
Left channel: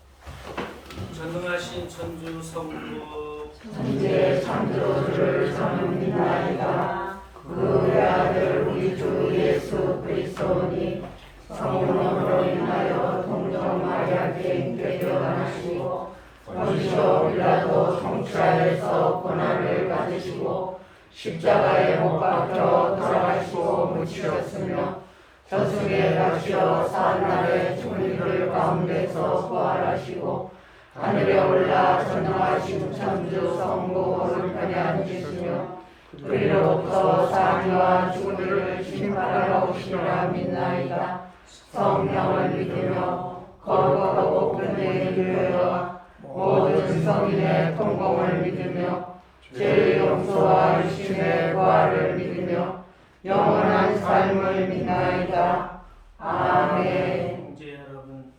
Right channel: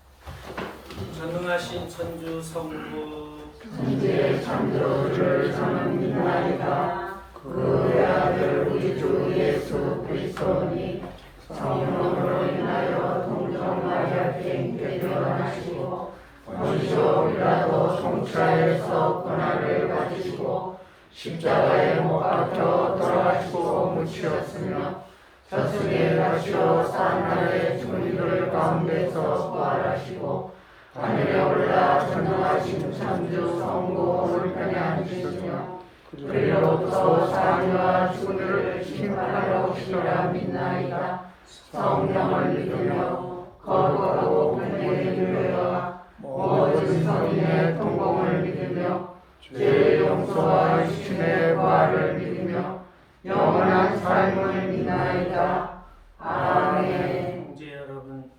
전능하신 천주 성부 이제 창조주를 저는 믿나이다. 그의 아들 우리 주 예수 그리스도니 성령으로 인하여 동정한 마리아께 인께 태어나시고 원시오리라도 통치하에서 고난을 받으시고 십자가에 못 박혀 돌아가시고 묻히었으며 저승에 가시어 사나라의 죽은 이들 가운데서 부활하시고 하늘에 올라 전능하신 천주 성부 오른편에 앉으셨으며 그리로부터 사니와 죽은 이를 심판하러 오시리라 믿나이다. 성령을 믿으며 거룩하고 공의를 믿으며 모든 성인의 통공을 믿으며 죄의 용서와 육신의 부활을 믿으며 영원한 삶을 믿나이다. 아멘. 형제 여러분,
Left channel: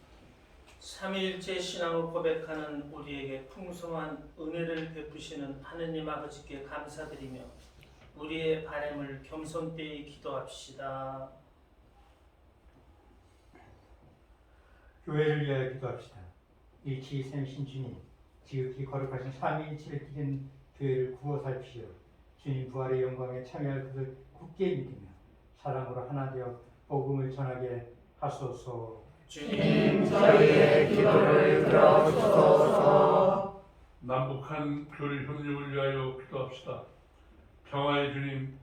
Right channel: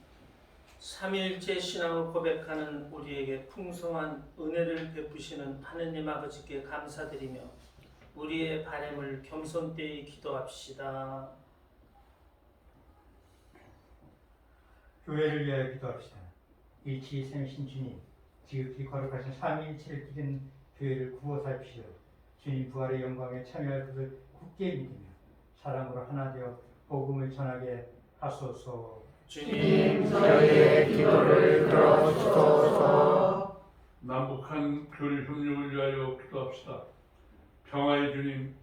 삼위일체 신앙을 고백하는 우리에게 풍성한 은혜를 베푸시는 하느님 아버지께 감사드리며 우리의 바램을 겸손되이 기도합시다. 교회를 위하여 기도합시다. 일치 샘신 주님, 지극히 거룩하신 삼위일체를 지킨 교회를 구워 살피시어 주님 부활의 영광에 참여할 것을 굳게 믿으며 사랑으로 하나 되어 복음을 전하게 하소서. 주님, 저희의 기도를 들어주소서. 남북한 교회 협력을 위하여 기도합시다. 평화의 주님,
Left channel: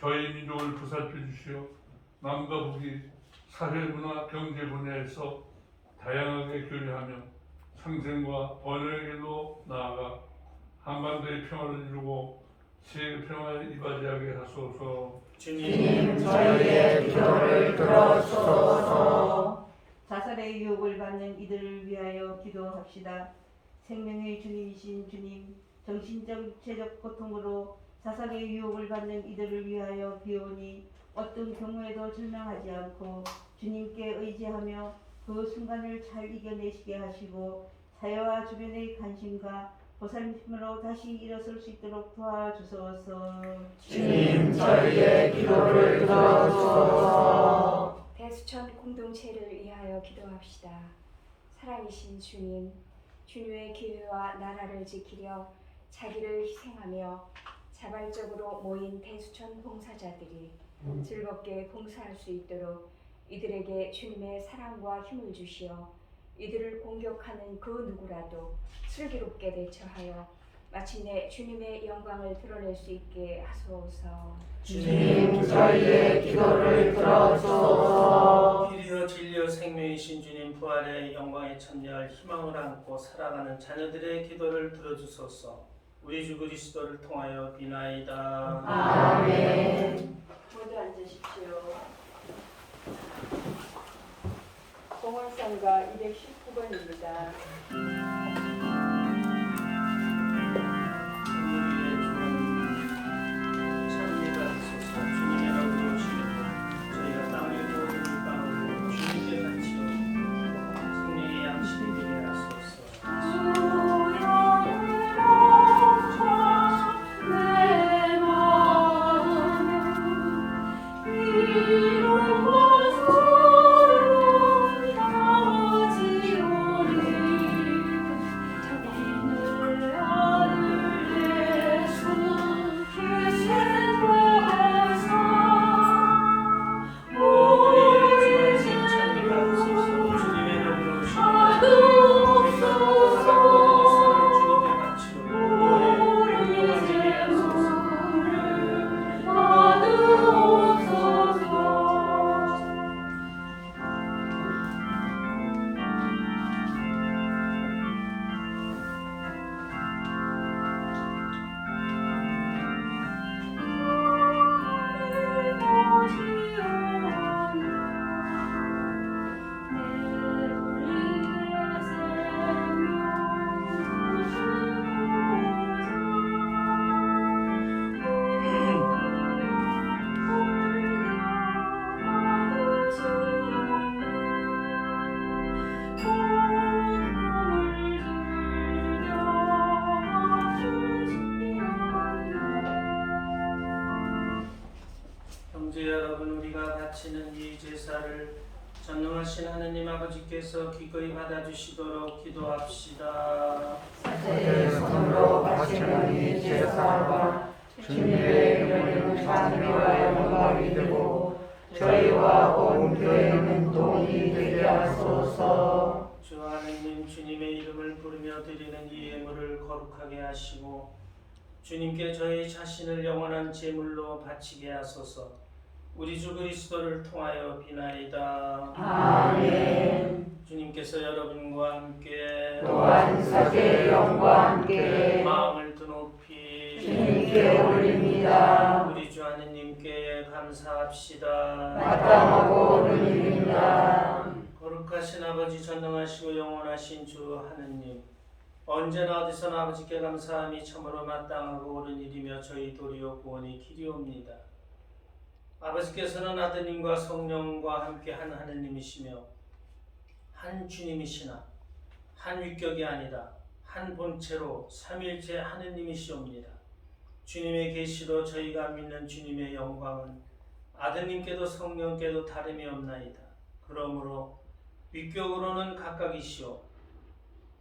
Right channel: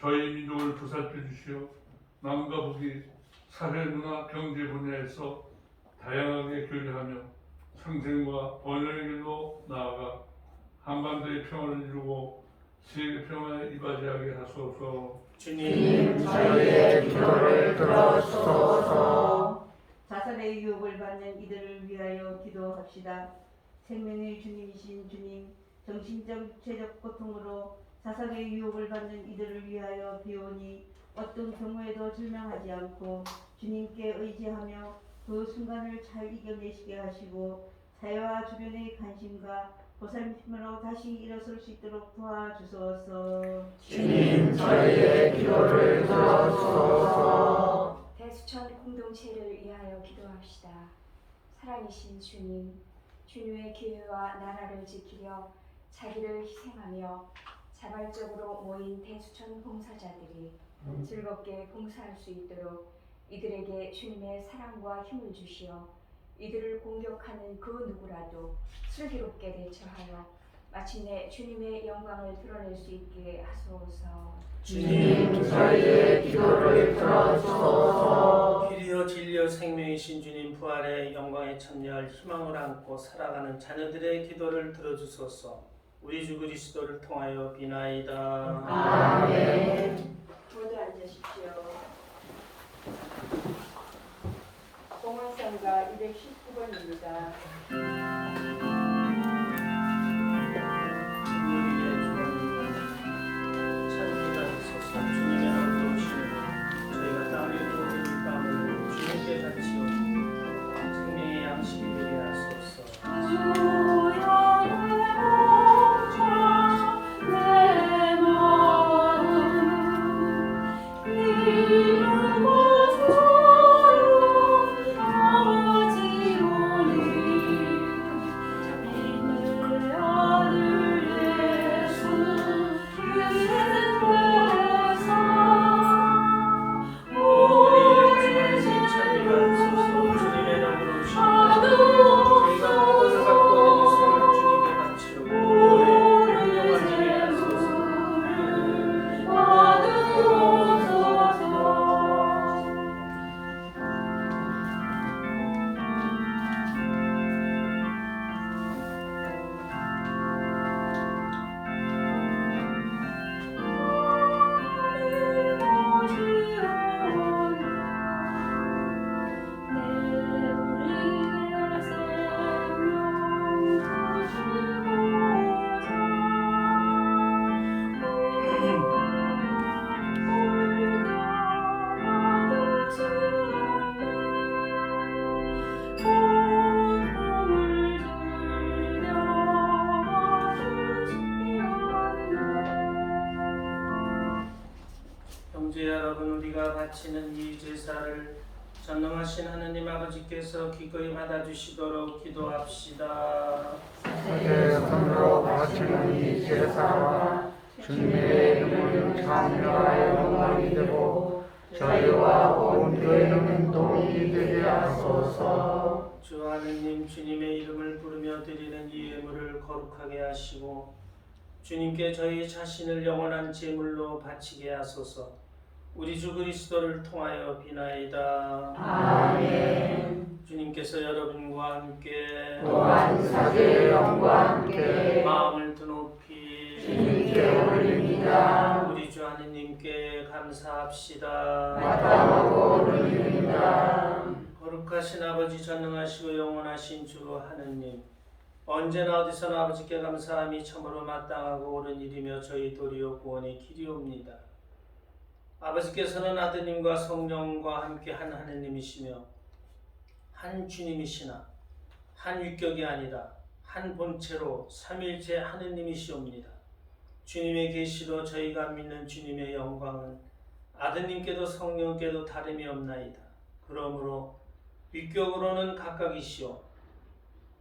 저희 민족을 보살펴 주시어 남과 북이 사회, 문화, 경제 분야에서 다양하게 교류하며 상생과 번영의 길로 나아가 한반도의 평화를 이루고 세계 평화에 이바지하게 하소서. 주님, 저희의 기도를 들어주소서. 자살의 유혹을 받는 이들을 위하여 기도합시다. 생명의 주님이신 주님, 정신적 육체적 고통으로 자살의 유혹을 받는 이들을 위하여 비오니 어떤 경우에도 절망하지 않고 주님께 의지하며 그 순간을 잘 이겨내시게 하시고 사회와 주변의 관심과 보살핌으로 다시 일어설 수 있도록 도와주소서. 주님, 저희의 기도를 들어주소서. 대수천 공동체를 위하여 기도합시다. 살아계신 주님, 주님의 교회와 나라를 지키려 자기를 희생하며 자발적으로 모인 대수천 봉사자들이 즐겁게 봉사할 수 있도록 이들에게 주님의 사랑과 힘을 주시어 이들을 공격하는 그 누구라도 슬기롭게 대처하여 마침내 주님의 영광을 드러낼 수 있게 하소서. 주님, 저희의 기도를 들어주소서. 길이여 진리여 생명이신 주님 부활의 영광에 참여할 희망을 안고 살아가는 자녀들의 기도를 들어주소서. 우리 주 그리스도를 통하여 비나이다. 아멘. 모두 앉으십시오. 공원상가 219번입니다. 찬미가 있어서 주님의 넘치시는 저희가 땅에 모든 빵을 주님께 바치어 생명의 양식이 되게 하소서. 형제 여러분, 우리가 바치는 이 제사를 전능하신 하느님 아버지께서 기꺼이 받아주시도록 기도합시다. 어제 손으로 바치는 이 제사가 주님의 이름을 참여하여 영광이 되고 저희와 온 교회는 도움이 되게 하소서. 주 하느님, 주님의 이름을 부르며 드리는 이 예물을 거룩하게 하시고 주님께 저희 자신을 영원한 제물로 바치게 하소서. 우리 주 그리스도를 통하여 비나이다. 아멘. 주님께서 여러분과 함께 또한 사제의 영과 함께 마음을 드높이 주님께 올립니다. 우리 주 하느님께 감사합시다. 마땅하고 옳은 일입니다. 거룩하신 아버지, 전능하시고 영원하신 주 하느님, 언제나 어디서나 아버지께 감사함이 참으로 마땅하고 옳은 일이며 저희 도리어 구원의 길이옵니다. 아버지께서는 아드님과 성령과 함께 한 하느님이시며 한 주님이시나 한 위격이 아니라 한 본체로 삼일체 하느님이시옵니다. 주님의 계시로 저희가 믿는 주님의 영광은 아드님께도 성령께도 다름이 없나이다. 그러므로 위격으로는 각각이시오,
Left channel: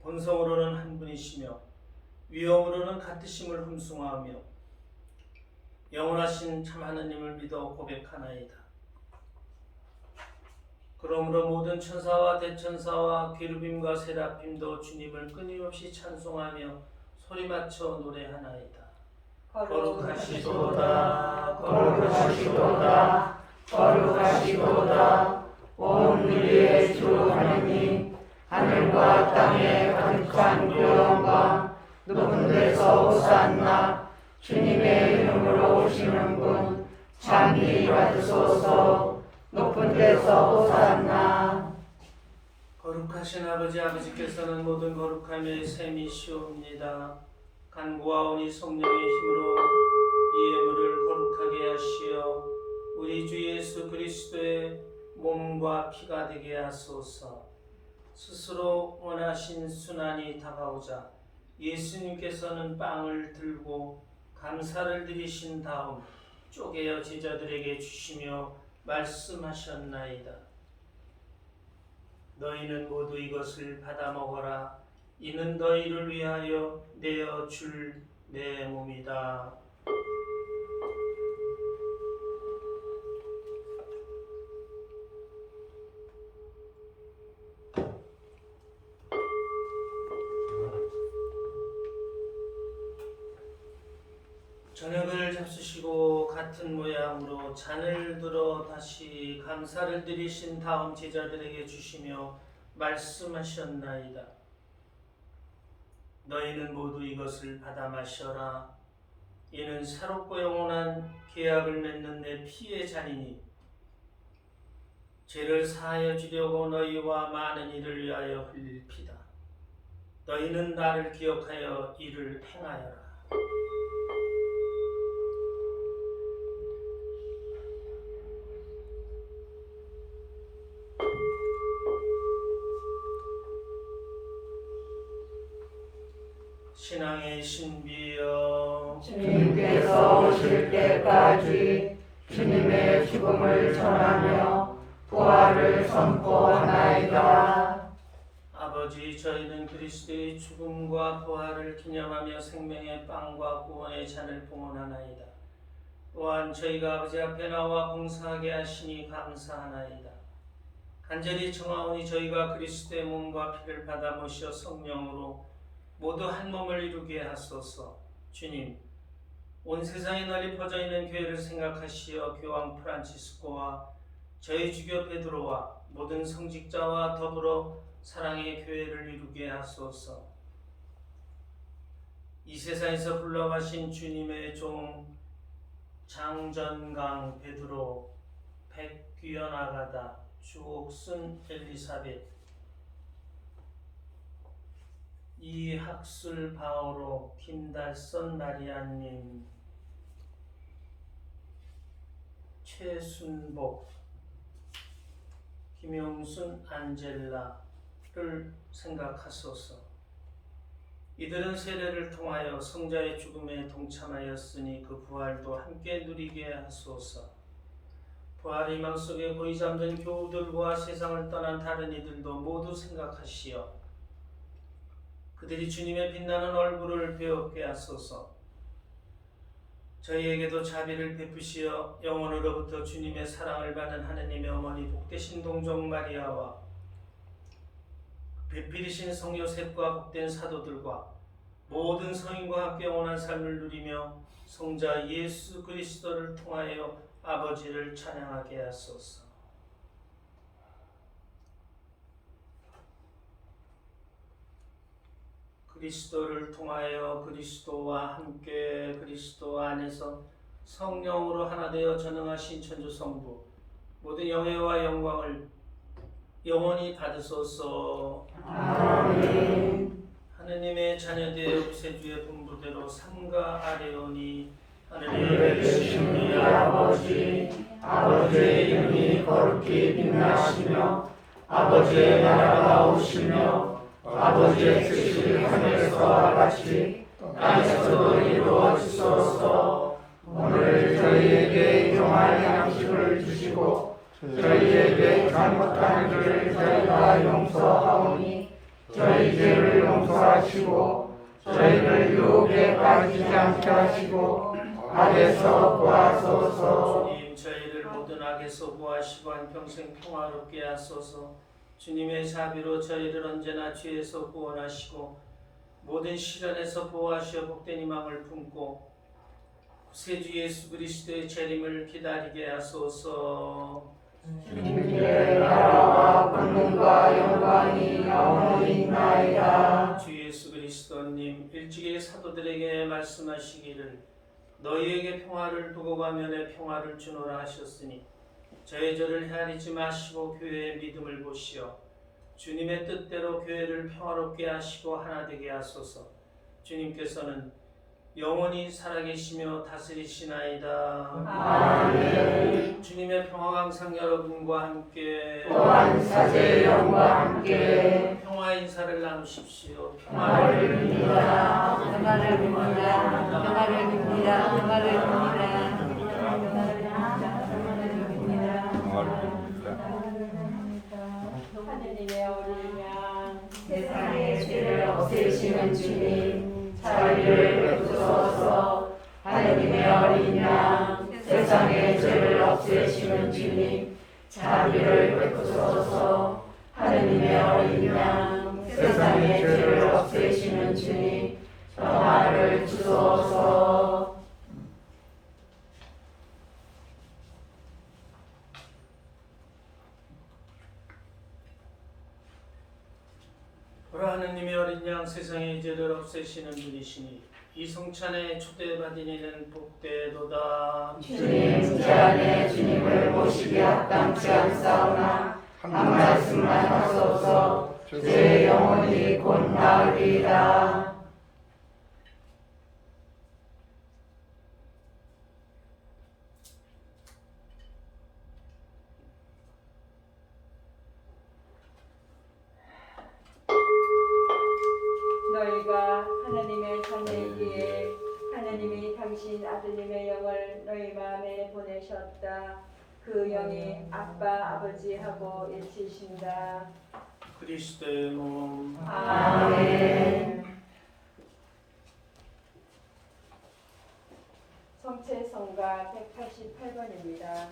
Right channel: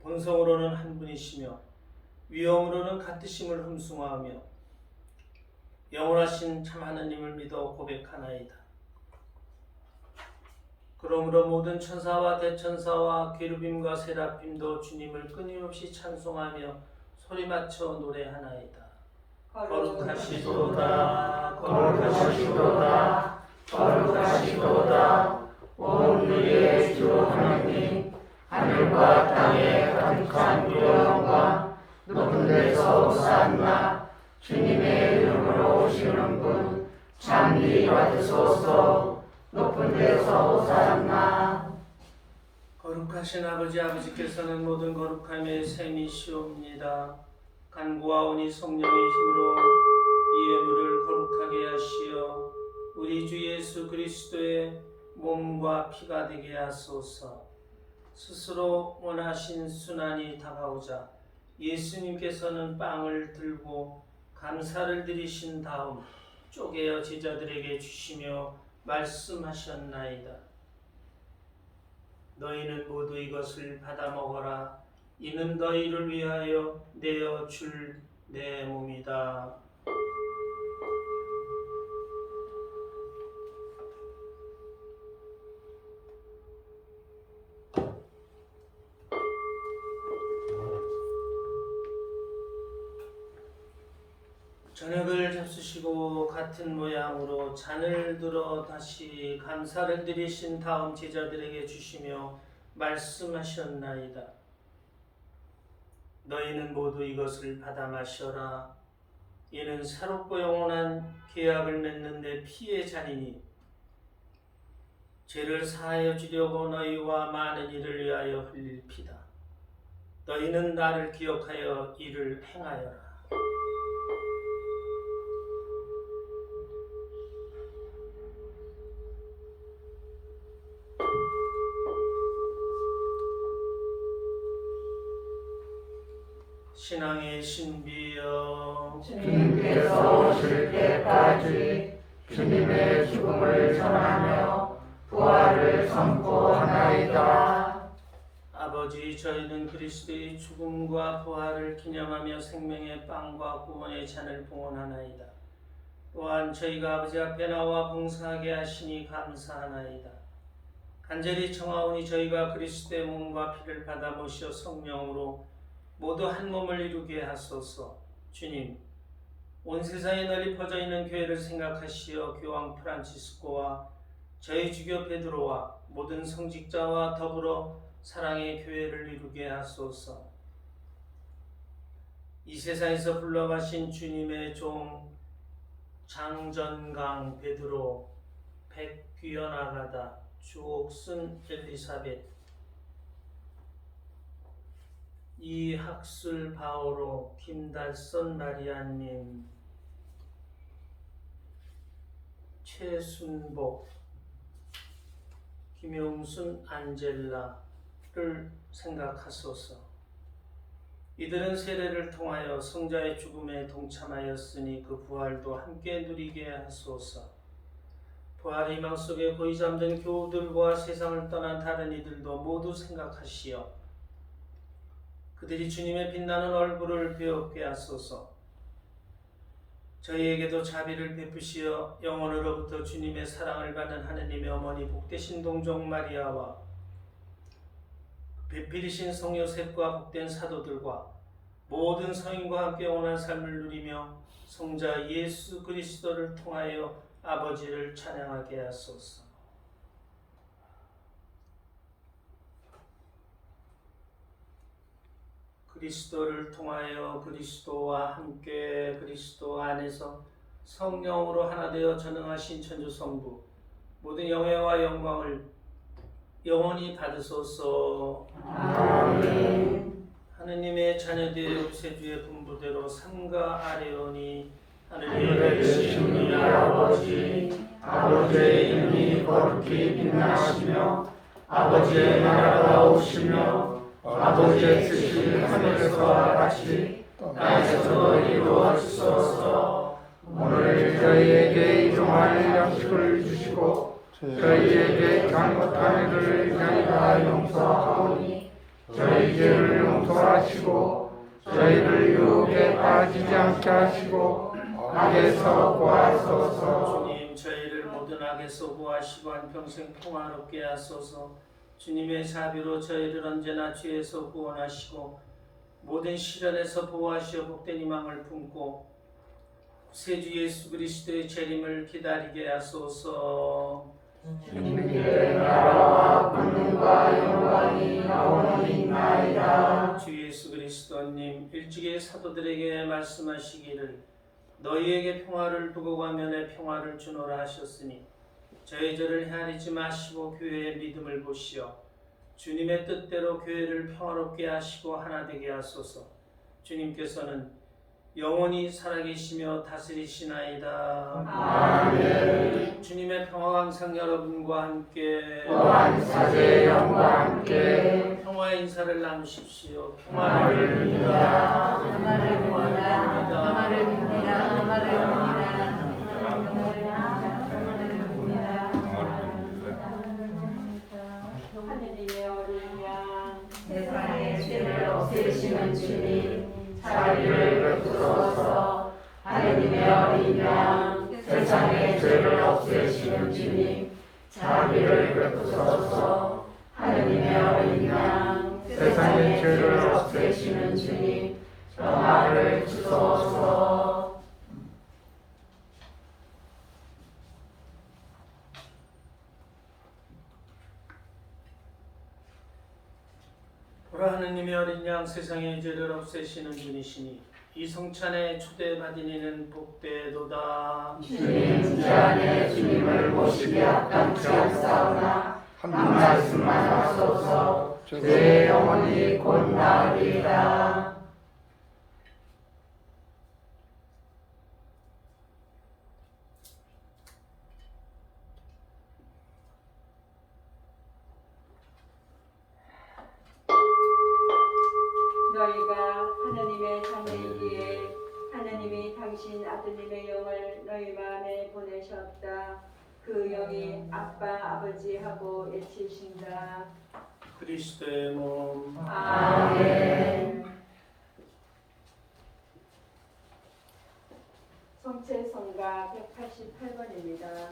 본성으로는 한 분이시며 위엄으로는 같으심을 흠숭하며 영원하신 참 하느님을 믿어 고백하나이다. 그러므로 모든 천사와 대천사와 계루빔과 세라핌도 주님을 끊임없이 찬송하며 소리맞춰 노래하나이다. 거룩하시도다, 거룩하시도다, 거룩하시도다. 온 우리의 주 하나님, 하늘과 땅의 간직한 그 영광, 높은 데서 솟았나. 주님의 이름으로 오시는 분 찬미 받으소서. 높은 데서 솟았나. 거룩하신 아버지, 아버지께서는 모든 거룩함의 셈이시옵니다. 간구와 온이 성령의 힘으로 이 예물을 거룩하게 하시어 우리 주 예수 그리스도의 몸과 피가 되게 하소서. 스스로 원하신 순환이 다가오자 예수님께서는 빵을 들고 감사를 드리신 다음 쪼개어 제자들에게 주시며 말씀하셨나이다. 너희는 모두 이것을 받아 먹어라. 이는 너희를 위하여 내어 줄 내 몸이다. 저녁을 잡수시고 같은 모양으로 잔을 들어 다시 감사를 드리신 다음 제자들에게 주시며 말씀하셨나이다. 너희는 모두 이것을 받아 마셔라. 이는 새롭고 영원한 계약을 맺는 내 피의 잔이니 죄를 사하여 주려고 너희와 많은 이를 위하여 흘릴 피다. 너희는 나를 기억하여 이를 행하여라. 신앙의 신비여, 주님께서 오실 때까지 주님의 죽음을 전하며 부활을 선포하나이다. 아버지, 저희는 그리스도의 죽음과 부활을 기념하며 생명의 빵과 구원의 잔을 봉헌하나이다. 또한 저희가 아버지 앞에 나와 봉사하게 하시니 감사하나이다. 간절히 청하오니 저희가 그리스도의 몸과 피를 받아 모셔 성령으로 모두 한 몸을 이루게 하소서. 주님, 온 세상에 널리 퍼져 있는 교회를 생각하시어 교황 프란치스코와 저희 주교 베드로와 모든 성직자와 더불어 사랑의 교회를 이루게 하소서. 이 세상에서 불러가신 주님의 종 장전강 베드로, 백귀연 아가다, 주옥순 엘리사벳, 이학술 바오로, 김달선 마리아님, 최순복, 김용순 안젤라를 생각하소서. 이들은 세례를 통하여 성자의 죽음에 동참하였으니 그 부활도 함께 누리게 하소서. 부활 희망 속에 고이 잠든 교우들과 세상을 떠난 다른 이들도 모두 생각하시어 그들이 주님의 빛나는 얼굴을 배우게 하소서. 저희에게도 자비를 베푸시어 영원으로부터 주님의 사랑을 받은 하느님의 어머니 복되신 동정 마리아와 배필이신 성 요셉과 복된 사도들과 모든 성인과 함께 영원한 삶을 누리며 성자 예수 그리스도를 통하여 아버지를 찬양하게 하소서. 그리스도를 통하여 그리스도와 함께 그리스도 안에서 성령으로 하나 되어 전능하신 천주성부 모든 영예와 영광을 영원히 받으소서. 아멘. 하느님의 자녀되어 우세주의 분부대로 산과 아래오니 하늘에 계신 우리 아버지, 아버지의 이름이 거룩히 빛나시며 아버지의 나라가 오시며 아버지의 뜻이 하늘에서와 같이 땅에서도 이루어지소서. 오늘 저희에게 일용할 양식을 주시고 저희에게 잘못한 일을 저희가 용서하오니 저희 죄를 용서하시고 저희를 유혹에 빠지지 않게 하시고 악에서 구하소서. 주님, 저희를 모든 악에서 구하시고 한평생 평화롭게 하소서. 주님의 자비로 저희를 언제나 죄에서 구원하시고 모든 시련에서 보호하시어 복된 희망을 품고 구세주 예수 그리스도의 재림을 기다리게 하소서. 주님의 나라와 권능과 영광이 영원히 있나이다. 주 예수 그리스도님, 일찍이 사도들에게 말씀하시기를 너희에게 평화를 두고 가며 내 평화를 주노라 하셨으니 저의 죄를 헤아리지 마시고 교회의 믿음을 보시어 주님의 뜻대로 교회를 평화롭게 하시고 하나 되게 하소서. 주님께서는 영원히 살아계시며 다스리시나이다. 아멘. 주님의 평화가 항상 여러분과 함께 또한 사제의 영과 함께 평화의 인사를 나누십시오. 평화를 빕니다. 평화를 빕니다. 평화를 빕니다. 평화를 빕니다. 하느님의 어린 양 세상의 죄를 없애시는 주님, 자비를 베푸소서. 하느님의 어린 양, 세상의 죄를 없애시는 주님, 자비를 베푸소서. 하느님의 어린 양, 세상의 죄를 없애시는 주님, 평화를 주소서. 보라, 하느님의 어린 양, 세상의 죄를 없애시는 분이시니 이 성찬에 초대받은 이는 복되도다. 주님, 제 안에 주님을 모시기 합당치 않사오나 한 말씀만 하소서. 제 영혼이 곧 나으리이다. 너희가 하나님의 자녀이기에 하나님이 당신 아드님의 영을 너희 마음에 보내셨다. 그 영이 아빠 아버지하고 외치신다. 그리스도의 몸. 아멘. 성체성가 188번입니다.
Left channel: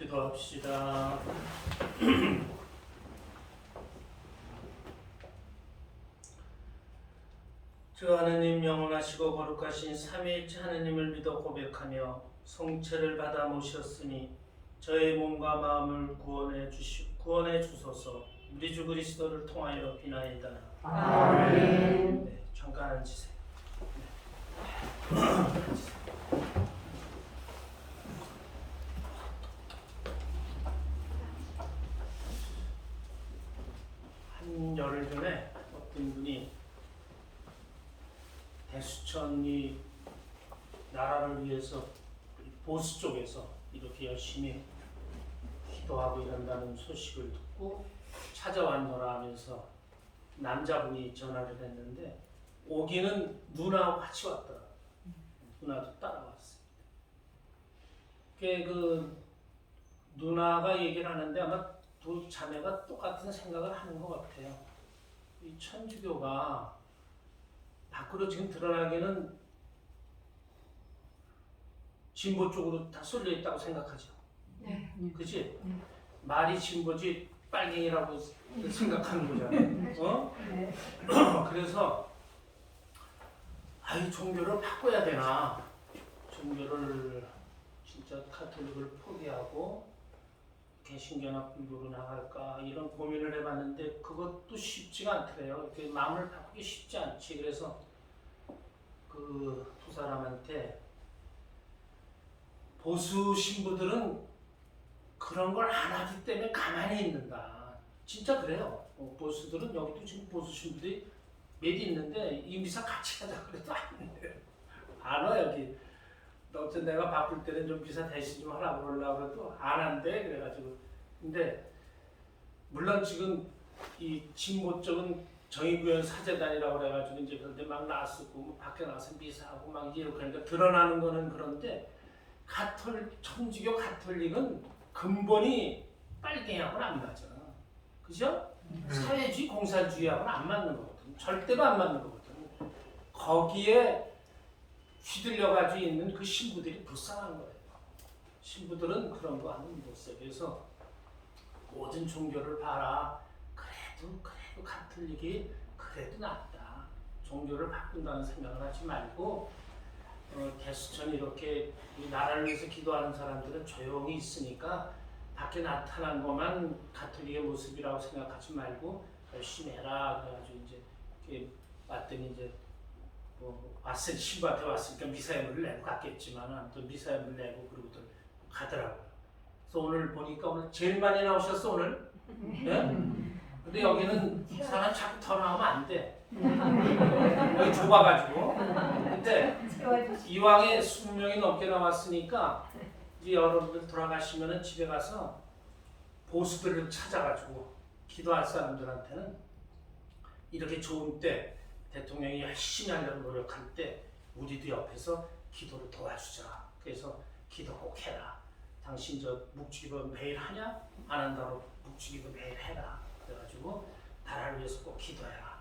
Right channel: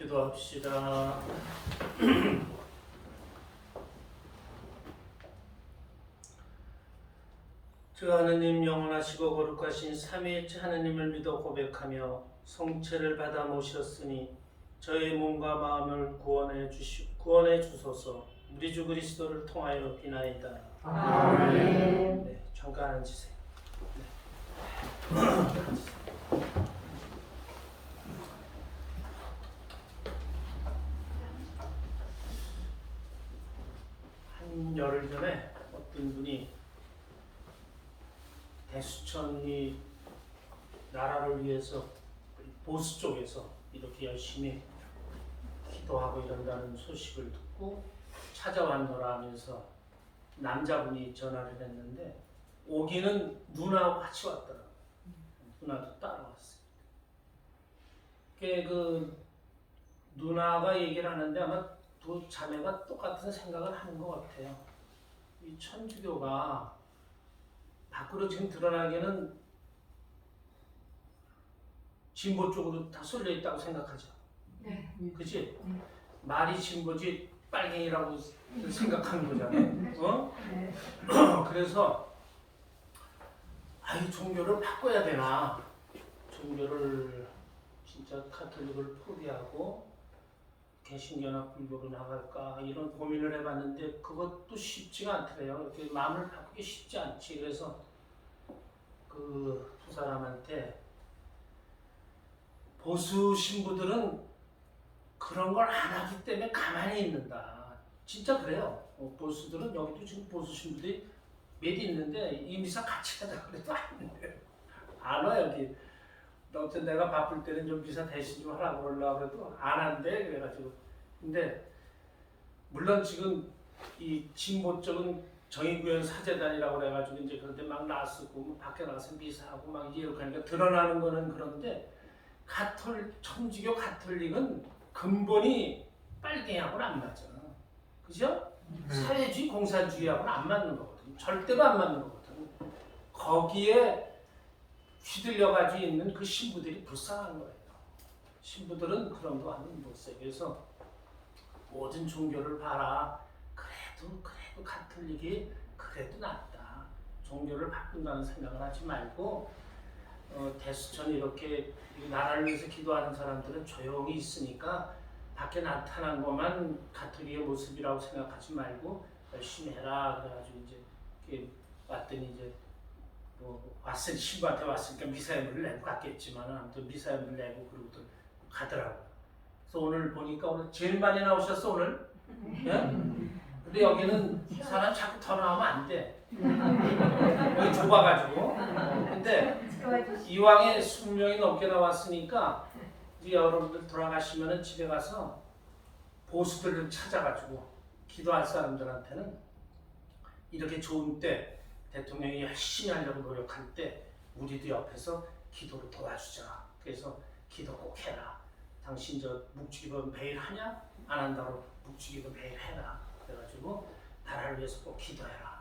기도합시다. 주 하느님 영원하시고 거룩하신 삼위일체 하느님을 믿어 고백하며 성체를 받아 모셨으니 저의 몸과 마음을 구원해 주소서. 우리 주 그리스도를 통하여 비나이다. 아멘. 네, 잠깐 앉으세요. 네. 한 열흘 전에 어떤 분이 대수천이 나라를 위해서 보수 쪽에서 이렇게 열심히 기도하고 이런다는 소식을 듣고 찾아왔노라 하면서 남자분이 전화를 했는데 오기는 누나하고 같이 왔더라고요. 누나도 따라왔어요. 그 누나가 얘기를 하는데 아마 두 자매가 똑같은 생각을 하는 것 같아요. 이 천주교가 밖으로 지금 드러나기에는 진보 쪽으로 다 쏠려 있다고 생각하죠. 네. 그치? 말이 진보지 빨갱이라고 생각하는 거잖아요. 어? 네. 그래서 종교를 바꿔야 되나? 종교를 진짜 카톨릭을 포기하고 개신교나 불교로 나갈까 이런 고민을 해봤는데 그것도 쉽지가 않더래요. 이렇게 마음을 바꾸기 쉽지 않지. 그래서 그 두 사람한테 보수 신부들은 그런 걸 안 하기 때문에 가만히 있는다. 진짜 그래요. 보수들은 여기도 지금 보수 신부들이 몇 있는데 이 미사 같이 하자 그래도 안 돼요. 안 와 여기. 어쨌든 내가 바쁠 때는 좀 미사 대신 좀 하라고 그러려고 해도 안 한대. 그래가지고 근데 물론 지금 이 진보 쪽은 정의구현 사제단이라고 그래가지고 이제 그런데 막 나서고 밖에 나가서 미사하고 막 이렇게 하니까 드러나는 거는 그런데 천주교 가톨릭은 근본이 빨갱이하고는 안 맞아. 그죠? 사회주의 공산주의하고는 안 맞는 거거든. 절대로 안 맞는 거거든. 거기에 휘둘려가지고 있는 그 신부들이 불쌍한 거예요. 신부들은 그런 거 하면 못 써. 그래서 모든 종교를 봐라. 그래도 가톨릭이 그래도 낫다. 종교를 바꾼다는 생각을 하지 말고 대수천이 이렇게 나라를 위해서 기도하는 사람들은 조용히 있으니까 밖에 나타난 것만 가톨릭의 모습이라고 생각하지 말고 열심히 해라. 그래가지고 이제 이렇게 왔더니 이제 신부한테 왔으니까 미사여물을 내고 갔겠지만 아무튼 미사여물 내고 그러고들 가더라고요. 그래서 오늘 보니까 오늘 제일 많이 나오셨어 오늘. 예? 근데 여기는 사람 자꾸 더 나오면 안 돼. 여기 좁아가지고. 근데 이왕에 20명이 넘게 나왔으니까 이제 여러분들 돌아가시면은 집에 가서 보수들을 찾아가지고 기도할 사람들한테는 이렇게 좋은 때 대통령이 열심히 하려고 노력할 때 우리도 옆에서 기도를 도와주자. 그래서 기도 꼭 해라. 당신 저 묵주기도 매일 하냐? 안 한다로 묵주기도 매일 해라. 그래가지고 나라를 위해서 꼭 기도해라.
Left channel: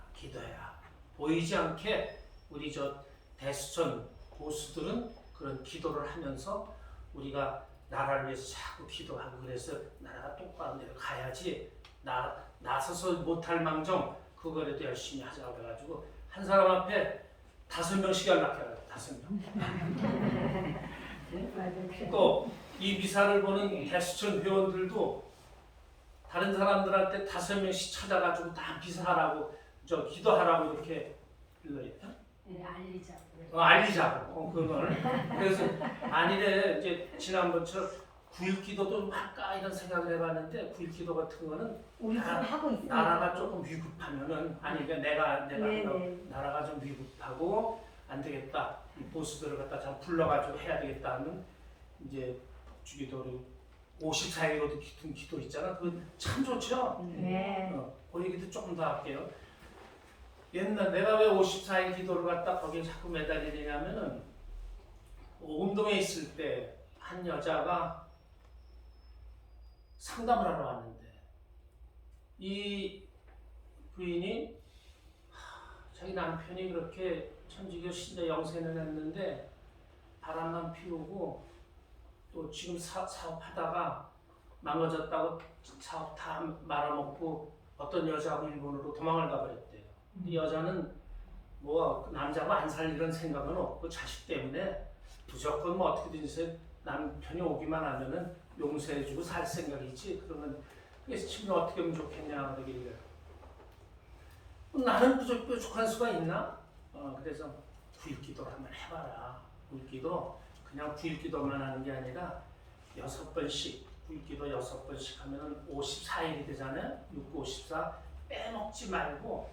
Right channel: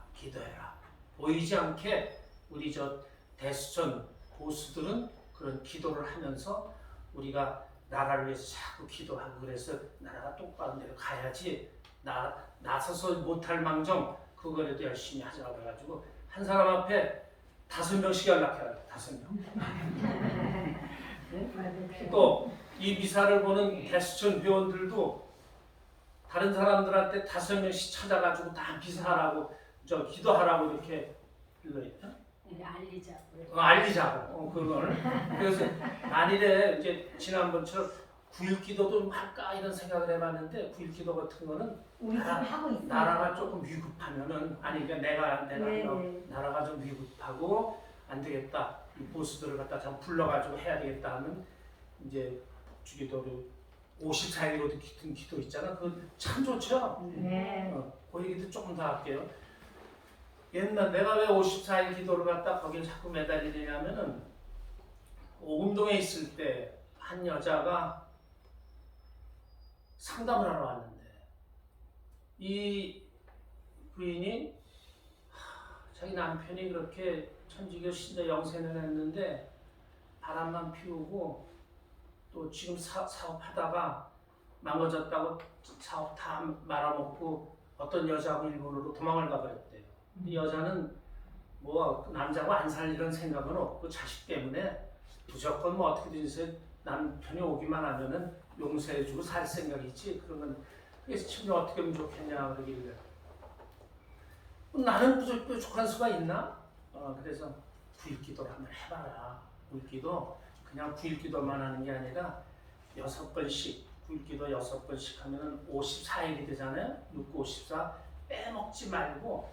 보이지 않게 우리 저 대수천 보수들은 그런 기도를 하면서 우리가 나라를 위해서 자꾸 기도하고 그래서 나라가 똑바로 내려가야지 나서서 못할 망정 그거라도 열심히 하자고 그래가지고 한 사람 앞에 5명씩 연락해야 돼. 5명. 응? 또 이 미사를 보는 대수천 회원들도 다른 사람들한테 5명씩 찾아가지고 다 미사하라고 기도하라고 이렇게 불러야 돼. 네, 알리자고. 알리자고 그걸. 그래서 아니래. 이제 지난번처럼 9.1 기도도 할까 이런 생각을 해봤는데 9.1 기도 같은 거는 나라가 조금 위급하면은 그러니까 내가 나라가 좀 위급하고 안 되겠다. 이 보수들을 갖다 참 불러가지고 해야 되겠다 하면 이제 북주기도로 54일로도 기도 있잖아. 그거 참 좋죠. 네. 그 얘기도 조금 더 할게요. 옛날 내가 왜 54일 기도를 갖다 거기에 자꾸 매달리냐면은 오금동에 있을 때 한 여자가 상담을 하러 왔는데 이 부인이 자기 남편이 그렇게 천주교 신자 영생을 했는데 바람만 피우고 또 지금 사업하다가 망가졌다고 사업 다 말아먹고 어떤 여자하고 일본으로 도망을 가버렸대요. 이 여자는 뭐 남자하고 안 살 이런 생각은 없고 자식 때문에 무조건 뭐 어떻게든 해서 남편이 오기만 하면은 용서해주고 살 생각이지 그런 건. 그래서 친구 어떻게 하면 좋겠냐 그러길래 나는 부족한 수가 있나? 그래서 구일기도를 한번 해봐라. 구일기도 그냥 구일기도만 하는 게 아니라 6번씩 구일기도 6번씩 하면은 54일이 되잖아요. 6, 9, 54 빼먹지 말고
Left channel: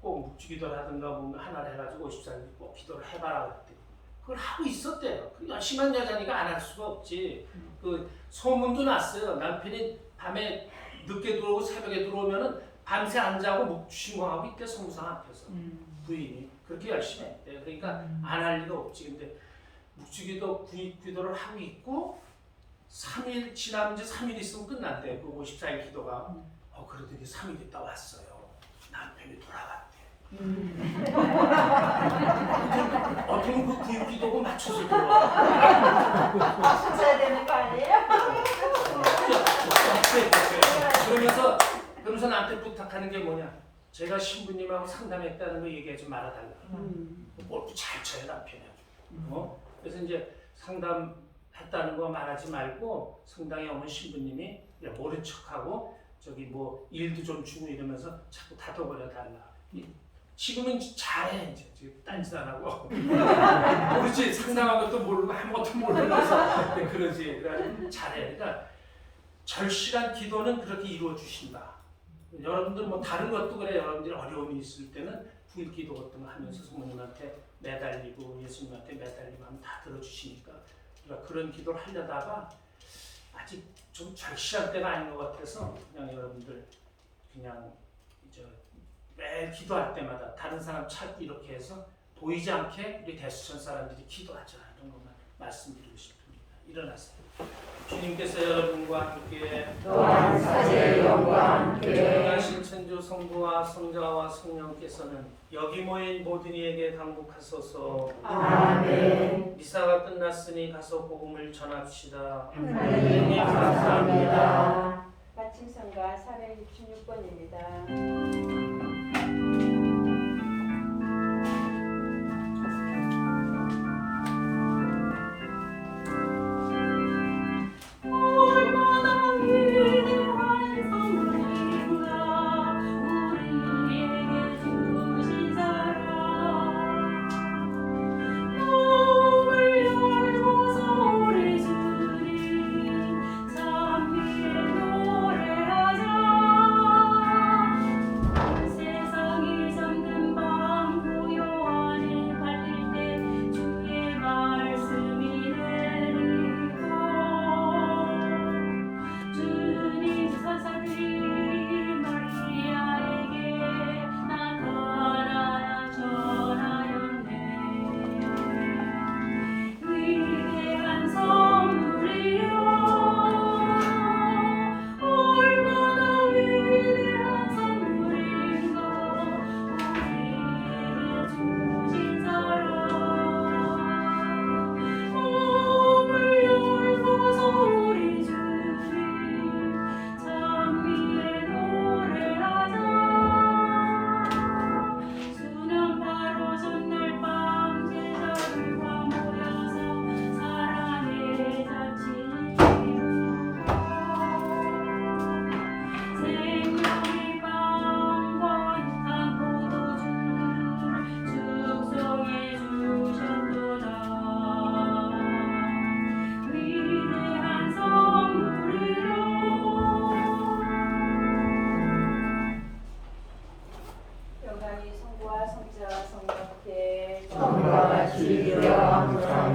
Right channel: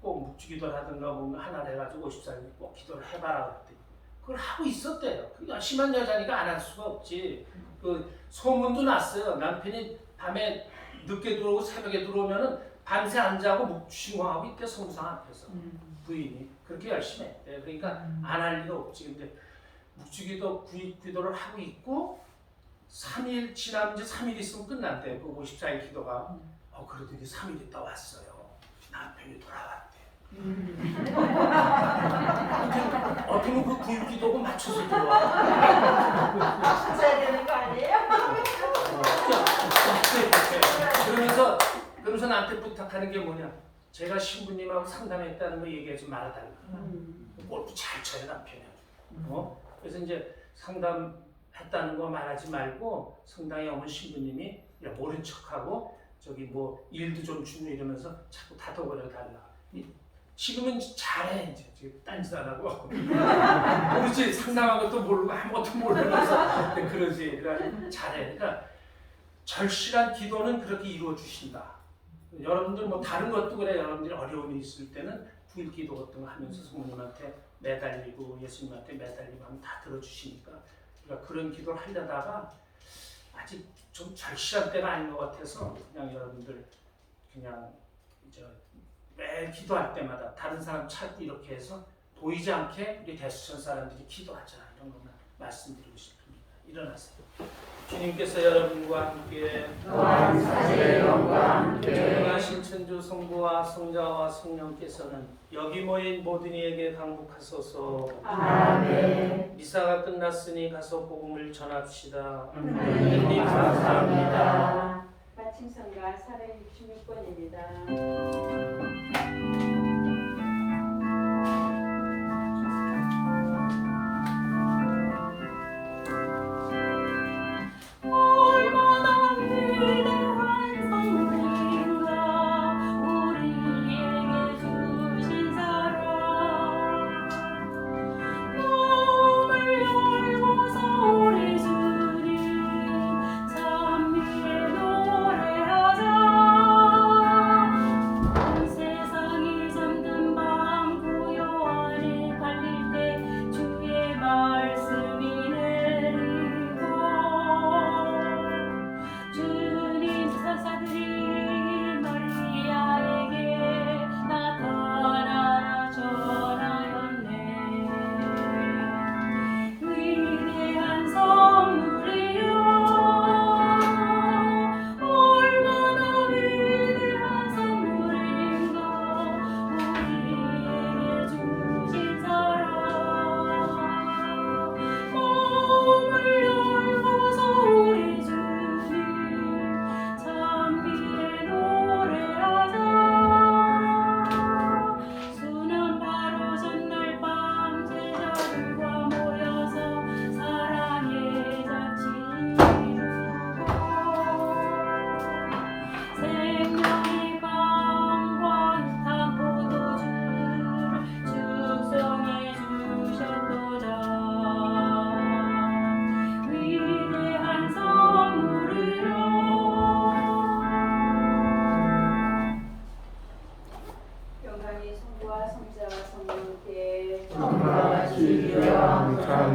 꼭 묵주기도라든가 뭐 하나를 해가지고 54일 꼭 기도를 해봐라 그랬더니 그걸 하고 있었대요. 그 열심한 여자니까 안 할 수가 없지. 그 소문도 났어요. 남편이 밤에 늦게 들어오고 새벽에 들어오면은 밤새 안 자고 묵주신공하고 있대. 성부상 앞에서 부인이 그렇게 열심히 했대. 그러니까 안 할 리가 없지. 근데 묵주기도 구일기도를 하고 있고 3일 지나면 이제 3일 있으면 끝난대. 그 54일 기도가. 그러더니 3일 있다 왔어요. 남편이 돌아왔대. 어떻게 그 구일기도고 맞춰서 들어와. 맞춰야 되는 거 아니에요? 그러면서 나한테 부탁하는 게 뭐냐? 제가 신부님하고 상담했다는 거 얘기하지 말아달라. 골프 잘 쳐요 남편이 아주. 그래서 이제 상담했다는 거 말하지 말고 성당에 오면 신부님이 모른 척하고 저기 뭐 일도 좀 주고 이러면서 자꾸 다독거려 달라. 지금은 잘해 이제 지금 딴짓 안 하고 모르지 상담한 것도 모르고 아무것도 모르면서 그러지. 그래가지고 잘해. 그러니까 절실한 기도는 그렇게 이루어 주신다. 여러분들 뭐 다른 것도 그래. 여러분들이 어려움이 있을 때는 구일기도 같은 거 하면서 성모님한테 매달리고 예수님한테 매달리고 하면 다 들어주시니까. 그러니까 그런 기도를 하려다가 아직 좀 절실한 때가 아닌 것 같아서 그냥 여러분들 그냥 매일 기도할 때마다 다른 사람 찾고 이렇게 해서 보이지 않게 우리 대수천 사람들이 기도하자 이런 것만 말씀드리고 싶습니다. 일어나세요. 주님께서 여러분과 함께 또한 사제의 영과 함께 전능하신 천주 성부와 성자와 성령께서는 여기 모인 모든 이에게 강복하소서. 아멘. 미사가 끝났으니 가서 복음을 전합시다. 하나님 감사합니다. 마친 성가 466번입니다.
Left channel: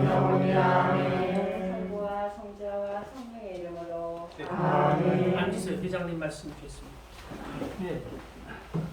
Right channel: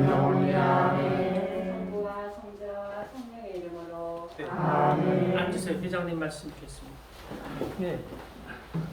영원히 아멘. 성부와 성자와 성령의 이름으로 아멘. 앉으세요. 회장님 말씀 듣겠습니다. 네.